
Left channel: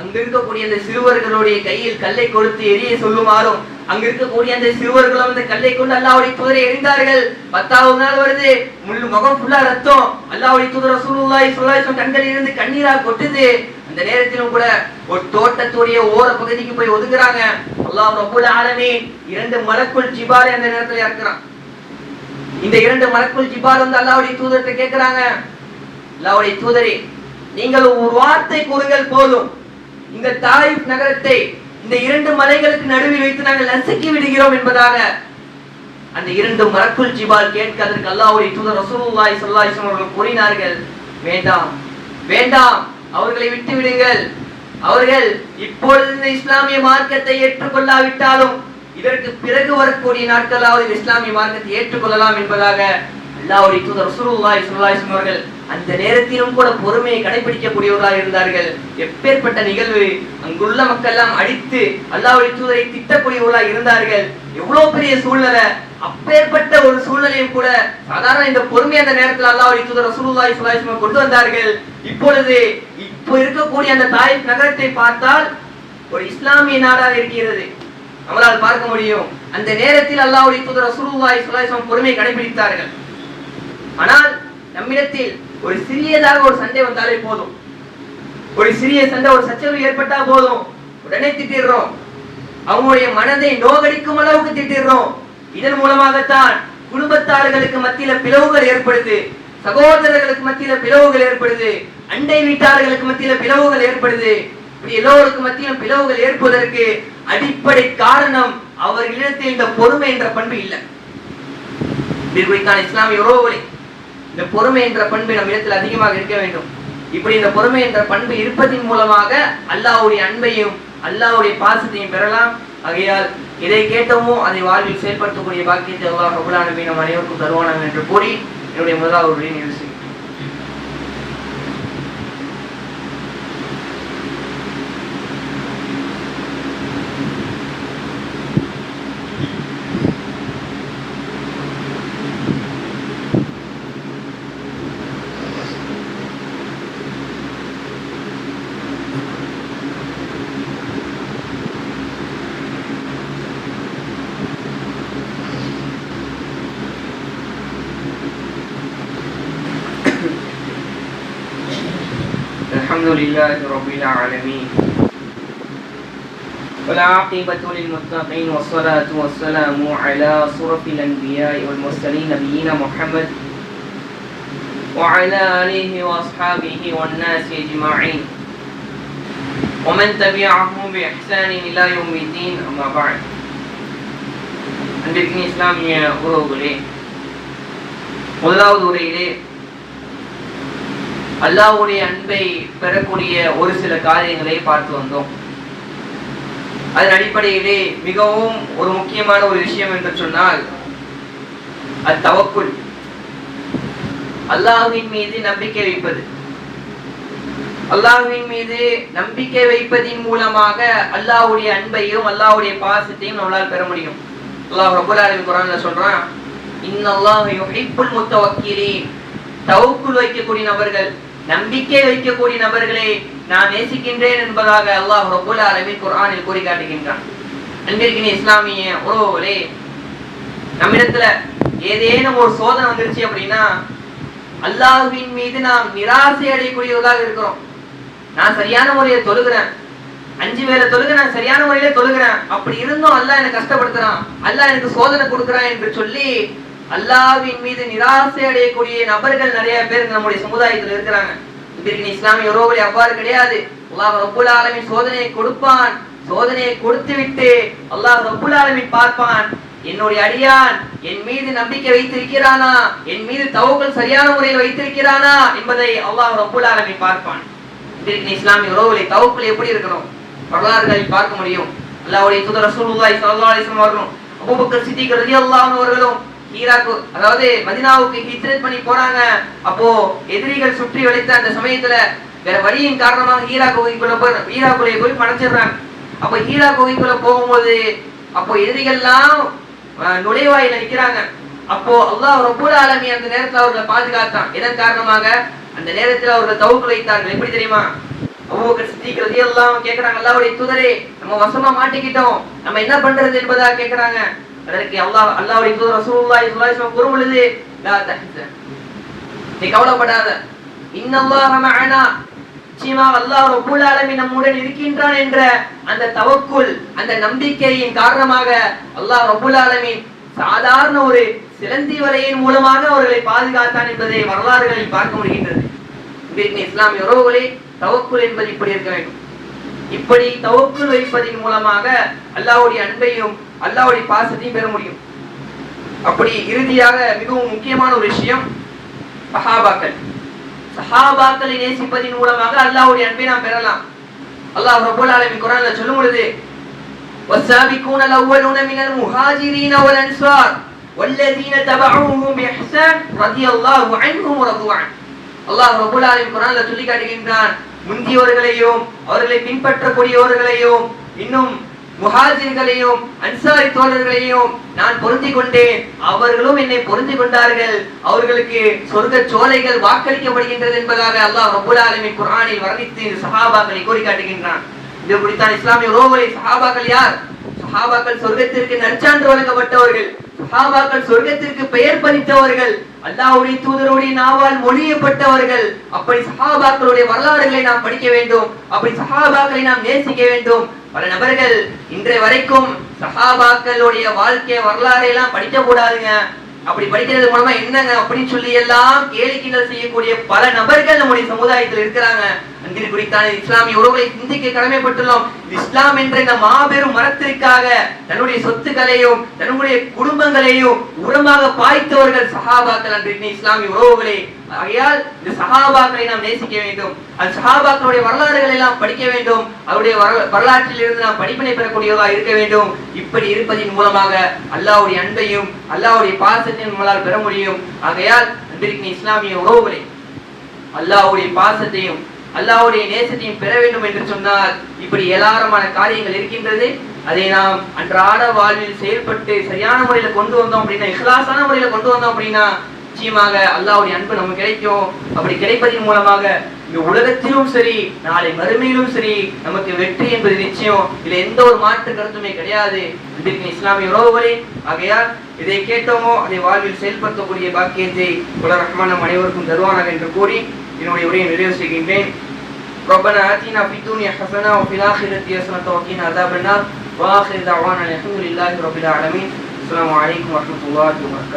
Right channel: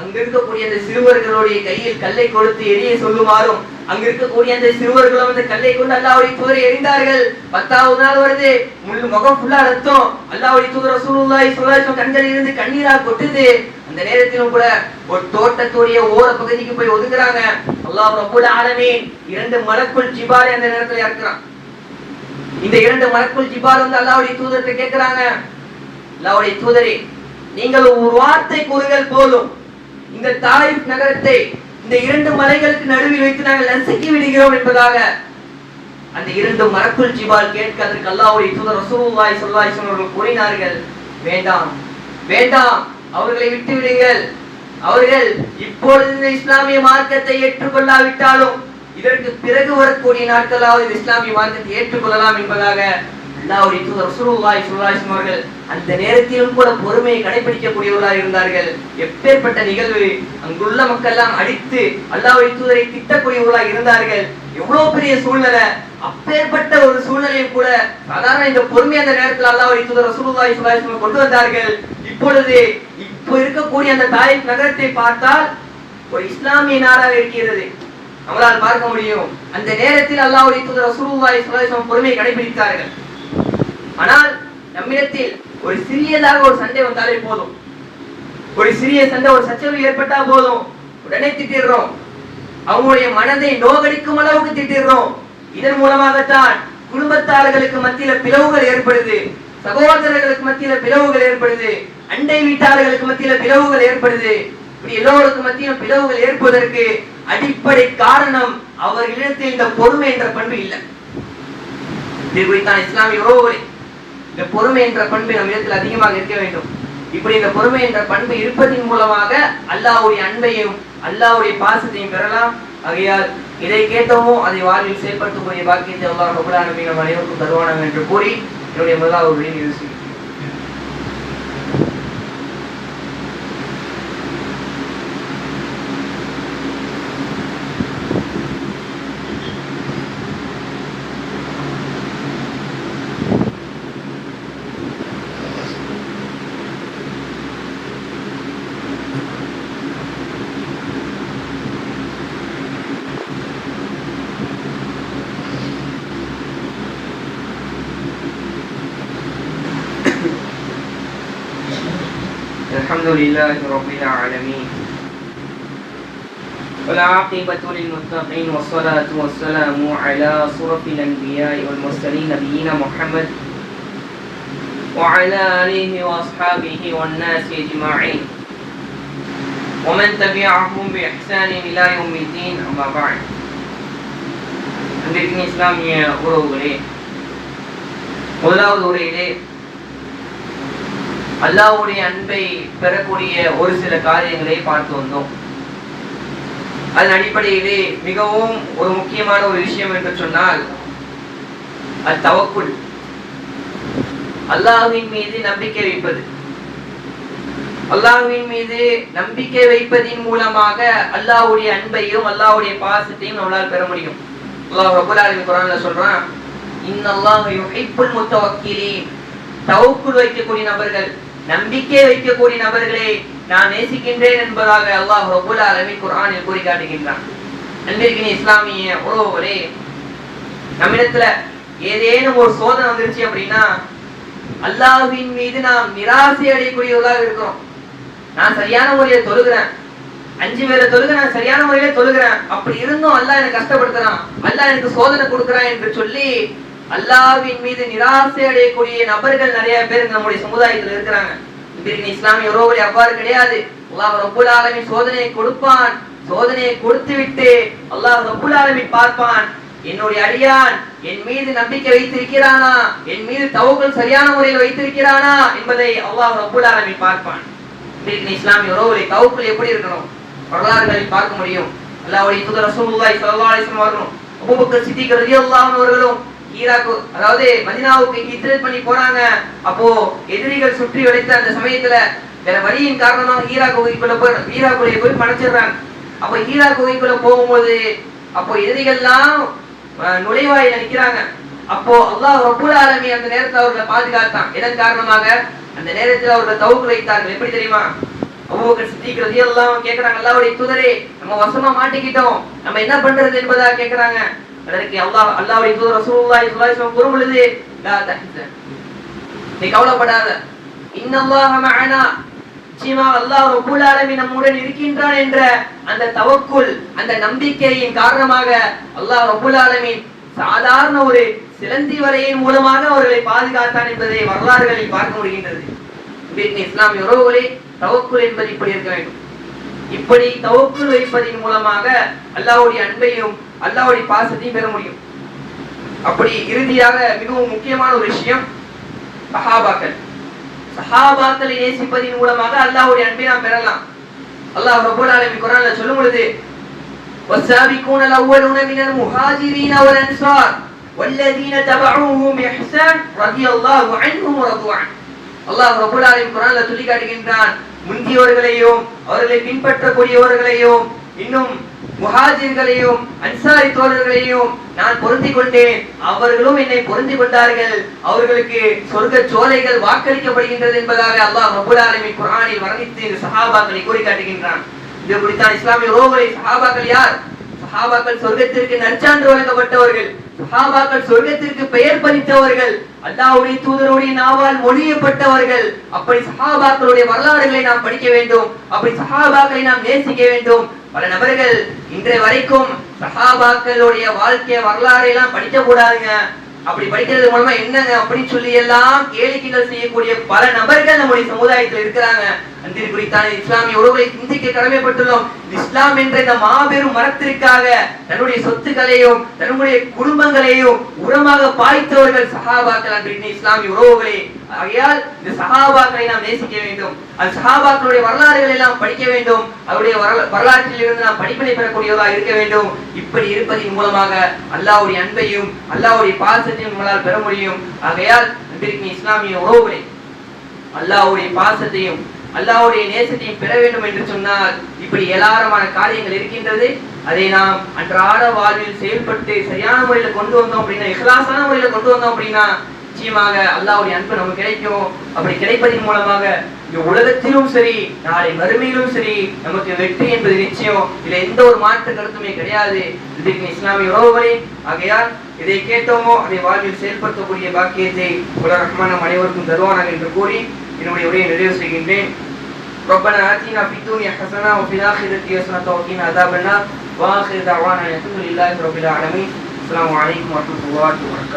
அங்கு இருக்கக்கூடிய அந்த சிறுவர்களுடைய கையில் கல்லை கொடுத்து எரிய சொல்லுமாறும் அங்க இருக்கக்கூடிய அந்த சிறுவர்களும் அந்த கல்லை கொண்டு அல்லாஹ்வுடைய தூதரை எறிந்தார்கள். 10வது நாள் வருது, முழு முகம் ஃபுல்லா ரத்தம். அல்லாஹ்வுடைய தூதர் ரசூலுல்லாஹி ஸல்லல்லாஹு அலைஹி வஸல்லம் கண்களில் இருந்து கண்ணீரா கொட்டுது. அந்த அந்த நேரத்திலும் கூட ஒரு தோட்டத்துடைய ஓர பகுதிக்கு போய் ஒதுக்குறாங்க. அல்லாஹ் ரப்பல் ஆலமீன் 2 மலக்குல் ஜிபாலை அந்த நேரத்துல இறக்குறான். இந்த 2 மலக்குல் ஜிபால் வந்து அல்லாஹ்வுடைய தூதர்கிட்ட கேக்குறாங்க, அல்லாஹ்வுடைய தூதரே, நீங்கள் ஒரு வார்த்தை கூறுங்கள் போதும், இந்த தாயிப் நகரத்தை இந்த 2 மலைகளுக்கு நடுவில் வைத்து நாங்கள் நசுக்கி விடுகிறோம் என்பதாக அந்த 2 மலக்குல் ஜிபால் கேட்க அதற்கு அல்லாஹ்வுடைய தூதர் ரசூலுல்லாஹி ஸல்லல்லாஹு அலைஹி வஸல்லம் அவர்கள் கூறினார்கள், வேண்டாம் வேண்டாம், அவர்களை விட்டு விடுங்கள். அவர்கள் இப்பொழுது இந்த இஸ்லாமிய மார்க்கத்தை ஏற்றுக்கொள்ளாவிட்டாலும் இதற்கு பிறகு வரக்கூடிய நாட்களாவது இஸ்லாமிய மார்க்கத்தை ஏற்றுக்கொள்ளலாம் என்பதாக அல்லாஹ்வுடைய தூதர் ரசூலுல்லாஹி ஸல்லல்லாஹு அலைஹி வஸல்லம் அவர்கள் அந்த நேரத்திலும் கூட பொறுமையை கடைபிடிக்கக்கூடியவர்களாக இருந்தார்கள். எப்பேற்பட்ட நிகழ்வு! அங்குள்ள மக்கள் எல்லாம் அடித்து அல்லாஹ்வுடைய தூதரை திட்டக்கூடியவர்களாக இருந்தார்கள். எவ்வளவு பெரிய சூழ்நிலை! அப்பேற்பட்ட ஒரு சூழ்நிலையும் கூட சாதாரண இந்த பொறுமை அந்த நேரத்தில் அல்லாஹ்வுடைய தூதர் ரசூலுல்லாஹி ஸல்லல்லாஹு அலைஹி வஸல்லம் கொண்டு வந்தார்கள். இப்பொழுது இருக்கக்கூடிய அந்த தாயிப் நகரத்தை பார்த்தால் ஒரு இஸ்லாமிய நாடாக இருக்கிறது, நம்மளால் பார்க்க முடியும். அந்த நேரத்தில் அல்லாஹ்வுடைய தூதர் ரசூலுல்லாஹி ஸல்லல்லாஹு அலைஹி வஸல்லம் பொறுமையை கடைபிடித்தார்கள். ஆனால் நம்மிடத்தில் ஒரு சிறியதாக ஒரு சண்டை வந்தாலே போதும், ஒரு சிறிய சண்டை, ஒரு சச்சரவு ஏற்பட்டா போதும், உடனே திட்டிடுறோம். அவங்களுடைய மனதை நோகடிக்கும் அளவுக்கு திட்டிடுறோம். இதன் மூலமாகத்தான் குடும்பத்தார்களுக்கு மத்தியில பிளவுகள் ஏற்படுது, சகோதரர்களுக்கு மத்தியில பிளவுகள் ஏற்படுது, அண்டை வீட்டார்களுக்கு மத்தியில பிளவுகள் ஏற்படுது. இப்படி எல்லோருக்கும் மத்தியில பிளவுகள் ஏற்பதற்கு அடிப்படை காரணம் அவர்களிடத்தில் இந்த பொறுமை என்ற பண்பு இல்லை. இது குறித்தான் இஸ்லாமிய உறவுகளை இந்த பொறுமை என்ற பண்பு நம் இடத்தில் அதிகமாக இருக்க வேண்டும். இப்படி இந்த பொறுமை என்ற பண்பு இருப்பதின் மூலமாக அல்லாஹ்வுடைய அன்பையும் அல்லாஹ்வுடைய பாசத்தையும் பெறலாம். ஆகையால் இதை கேட்டோமோ அதை வாழ்வில் செயல்படுத்தக்கூடிய பாக்கியத்தை அல்லாஹ் ரப்பல் ஆலமீன் நம் அனைவருக்கும் தருவானாக என்று கூறி என்னுடைய முதலாவது உரையை நிறைவு செய்கிறேன். الحمد لله رب العالمين والعاقبة للمتقين والصلاة والسلام على أشرف الأنبياء والمرسلين نبينا محمد وعلى آله وأصحابه والناس أجمعين ومن تبعهم بإحسان إلى يوم الدين أما بعد. அன்பிற்கின் இஸ்லாமிய உறவுகளே, முதலாவது உரையிலே அல்லாஹ்வுடைய அன்பை பெறக்கூடிய ஒரு சில காரியங்களை பார்த்து வந்தோம். அதன் அடிப்படையிலே மிகவும் ஒரு முக்கியமான ஒரு விஷயம் என்று சொன்னால் அது தவக்குல், அல்லாஹ்வின் மீது நம்பிக்கை வைப்பது. அல்லாஹ்வின் மீது நம்பிக்கை வைப்பதின் மூலமாக அல்லாஹ்வுடைய அன்பையும் அல்லாஹ்வுடைய பாசத்தையும் நம்மளால் பெற முடியும். அல்லாஹ் ரப்பல் ஆலமீன் குர்ஆன்ல சொல்றான், இன்னல்லாஹ யுஹிப்புல் முத்தவக்கிலீன், தவக்குல் வைக்கக்கூடிய நபர்கள், நம்பிக்கை வைக்கக்கூடிய நபர்களை நான் நேசிக்கின்றேன் என்பதாக அல்லாஹ் ரப்பல் ஆலமீன் குர்ஆனில் கூறி காட்டுகின்றான். அன்பிற்கினிய இஸ்லாமிய உறவுகளே, நம்மிடத்துல ஏதேனும் ஒரு சோதனை வந்துருச்சு அப்படின்னா அல்லாஹ்வின் மீது நாம் நிராசை அடையக்கூடியவர்களாக இருக்கிறோம். நான் சரியான முறையில தொழுகிறேன், 5 வேளை தொழுகிறேன், சரியான முறையில தொழுகிறேன், அப்படி இருந்தும் அல்லாஹ் எனக்கு கஷ்டப்படுத்துறான், அல்லாஹ் எனக்கு சோதனை கொடுக்கிறான் என்று சொல்லி அல்லாஹ்வின் மீது நிராசை அடையக்கூடிய நபர்கள் நிறைய பேர் நம்முடைய சமுதாயத்தில் இருக்கிறாங்க. இன்றைக்கு இஸ்லாமிய உறவுகளை அவ்வாறு கிடையாது. அல்லாஹ் ரப்பல் ஆலமீன் சோதனையை கொடுப்பான், சோதனையை கொடுத்து விட்டு அல்லாஹ் ரப்பல் ஆலமீன் பார்ப்பான், என்னுடைய அடியான் என் மீது நம்பிக்கை வைத்திருக்கிறானா, என் மீது தவக்குல் சரியான முறையில் வைத்திருக்கிறானா என்பதை அல்லாஹ் ரப்பல் ஆலமீன் பார்ப்பான். இன்றைக்கு இஸ்லாமிய உறவுகளை தவக்குல் எப்படி இருக்கணும் வரலாறுகளில் பார்க்க முடியும். அல்லாஹ்வுடைய தூதர் ரசூலுல்லாஹி ஸல்லல்லாஹு அலைஹி வஸல்லம் அவர்களும் அபூபக்கர் சித்திக் ரலியல்லாஹு அன்ஹு அவர்களும் ஈராக், அதாவது மதீனாவுக்கு ஹிஜ்ரத் பண்ணி போறாங்க. அப்போ எதிரிகள் சுற்றி வளைத்த அந்த சமயத்துல வேற வழியின் காரணமாக ஈராக் குகைக்குள்ள போய் படைச்சிடுறாங்க. அப்ப ஈராக் குகைக்குள்ள போகும்போது அப்போ எதிரிகள்லாம் நுழைவாயில நிக்கிறாங்க. அப்போ அல்லாஹ் ரப்பல் ஆலமீன் அந்த நேரத்தில் அவர்களை பாதுகாத்தான். இதன் காரணமாக அந்த நேரத்தில் அவர்கள் தவக்குல் வைத்தார்கள். எப்படி தெரியுமா? அபூபக்கர் சித்திக் ரலியல்லாஹு அன்ஹு கேக்குறாங்க, அல்லாஹ்வுடைய தூதரே, நம்ம வசமா மாட்டிக்கிட்டோம், நம்ம என்ன பண்றது என்பதா கேக்குறாங்க. அதற்கு அல்லாஹ்வுடைய தூதர் ரசூலுல்லாஹி ஸல்லல்லாஹு அலைஹி வஸல்லம் கூறும்பொழுது, லா தஹ்சன், நீ கவலைப்படாத, இன்னல்லாஹ மஅனா, நிச்சயமாக அல்லாஹ் ரப்பல் ஆலமீன் நம்முடன் இருக்கின்றான் என்ற அந்த தவக்குல், அந்த நம்பிக்கையின் காரணமாக அல்லாஹ் ரப்பல் ஆலமீன் சாதாரண ஒரு சிலந்தி வலையின் மூலமாக அவர்களை பாதுகாத்தான் என்பதை வரலாறுகளில் பார்க்க முடிகின்றது. இஸ்லாமிய உறவுகளே, தவக்குல் என்பது இப்படி இருக்க வேண்டும். இப்படி தவக்குல் வைப்பதன் மூலமாக அல்லாஹ்வுடைய அன்பையும் அல்லாஹ்வுடைய பாசத்தையும் பெற முடியும். அப்படி இறுதியாக மிகவும் முக்கியமான ஒரு விஷயம் சஹாபாக்களை நேசிப்பதன் மூலமாக அல்லாஹ்வுடைய அன்பை நாம் பெறலாம். அல்லாஹ் ரப்பல் ஆலமீன் குர்ஆன்ல சொல்லும் பொழுது والسابقون الأولون من المهاجرين والأنصار والذين تبعوهم بإحسان رضي الله عنهم ورضوا عنه. அல்லாஹ் ரப்பல் ஆலமீன் குர்ஆன்ல சொல்லி காட்டுகின்றான், முந்தியவர்களையும் அவர்களை பின்பற்றக்கூடியவர்களையும் இன்னும் முஹாஜிர்களையும் அன்சாரி தோழர்களையும் நான் பொருந்திக் கொண்டேன், அவர்களும் என்னை பொருந்திக் கொண்டார்கள், அவர்களுக்கு சொர்க்க சோலைகள் வாக்களிக்கப்படுகின்றது என்பதாக அல்லாஹ் ரப்பல் ஆலமீன் குர்ஆனில் வர்ணித்து இந்த சஹாபாக்களை கூறி காட்டுகின்றான். இது குறித்தான் இஸ்லாமிய உறவுகளை சஹாபாக்கள் யார்? சஹாபாக்கள் சொர்க்கத்திற்கு நற்சான்று வழங்கப்பட்டவர்கள், சஹாபாக்கள் சொர்க்கத்திற்கு பெயர் பறித்தவர்கள், அல்லாஹ்வுடைய தூதருடைய நாவால் மொழியப்பட்டவர்கள். அப்படி சஹாபாக்களுடைய வரலாறுகளை நாம் படிக்க வேண்டும், அப்படி சஹாபாக்களை நாம் நேசிக்க வேண்டும். பல நபர்கள் இன்றைய வரைக்கும் சஹாபாக்களுடைய வாழ்க்கை வரலாறை எல்லாம் படிக்க கூடாதுங்க, அப்படி படிக்கிறது மூலமா என்னங்க அப்படின்னு சொல்லி எல்லாம் கேளிக்கைகள் செய்யக்கூடிய பல நபர்கள் நம்முடைய சமுதாயத்தில் இருக்கிறாங்க. அன்பின் குறித்தான இஸ்லாமிய உறவுகளை சிந்திக்க கடமைப்பட்டுள்ளோம். இஸ்லாம் என்ற இந்த மாபெரும் மரத்திற்காக தன்னுடைய சொத்துக்களையும் தன்னுடைய குடும்பங்களையும் உரமாக பாய்த்தவர்கள் சஹாபாக்கள். அன்பின் இஸ்லாமிய உறவுகளே, ஆகையால் இந்த சஹாபாக்களை நாம் நேசிக்க வேண்டும், அந்த சஹாபாக்களுடைய வரலாறுகளை எல்லாம் படிக்க வேண்டும், அவருடைய வரலாற்றில் இருந்து நாம் படிப்பினை பெறக்கூடியவர்களாக இருக்க வேண்டும். இப்படி இருப்பதன் மூலமாக அல்லாஹ்வுடைய அன்பையும் அல்லாஹ்வுடைய பாசத்தையும் நம்மளால் பெற முடியும். ஆகையால் அன்பின் இஸ்லாமிய உறவுகளை அல்லாஹ்வுடைய பாசத்தையும் அல்லாஹ்வுடைய நேசத்தையும் பெற வேண்டும் என்று சொன்னால் இப்படி ஏராளமான காரியங்கள் இருக்கின்றது. அதை நாம் அன்றாட வாழ்வில் செயல்பட்டு சரியான முறையில கொண்டு வந்தோம் அப்படின்னா, இஹ்லாஸான முறையில கொண்டு வந்தோம் அப்படின்னா நிச்சயமாக அல்லாஹ்வுடைய அன்பு நமக்கு கிடைக்கும். அப்படி கிடைப்பதன் மூலமாக இந்த உலகத்திலும் சரி நாளை மறுமையிலும் சரி நமக்கு வெற்றி என்பது நிச்சயம். இதுல எந்த ஒரு மாற்று கருத்துமே கிடையாது. இதற்கு இஸ்லாமிய உறவுகளே, ஆகையால் இதை கேட்டோமோ அதை வாழ்வில் செயல்படுத்தக்கூடிய பாக்கியத்தை உலக ரஹ்மான் நம் அனைவருக்கும் தருவானாக என்று கூறி என்னுடைய உரையை நிறைவு செய்கின்றேன். ربنا آتنا في الدنيا حسنة وفي الآخرة حسنة وقنا عذاب النار وآخر دعوانا الحمد لله رب العالمين. السلام عليكم ورحمة الله وبركاته.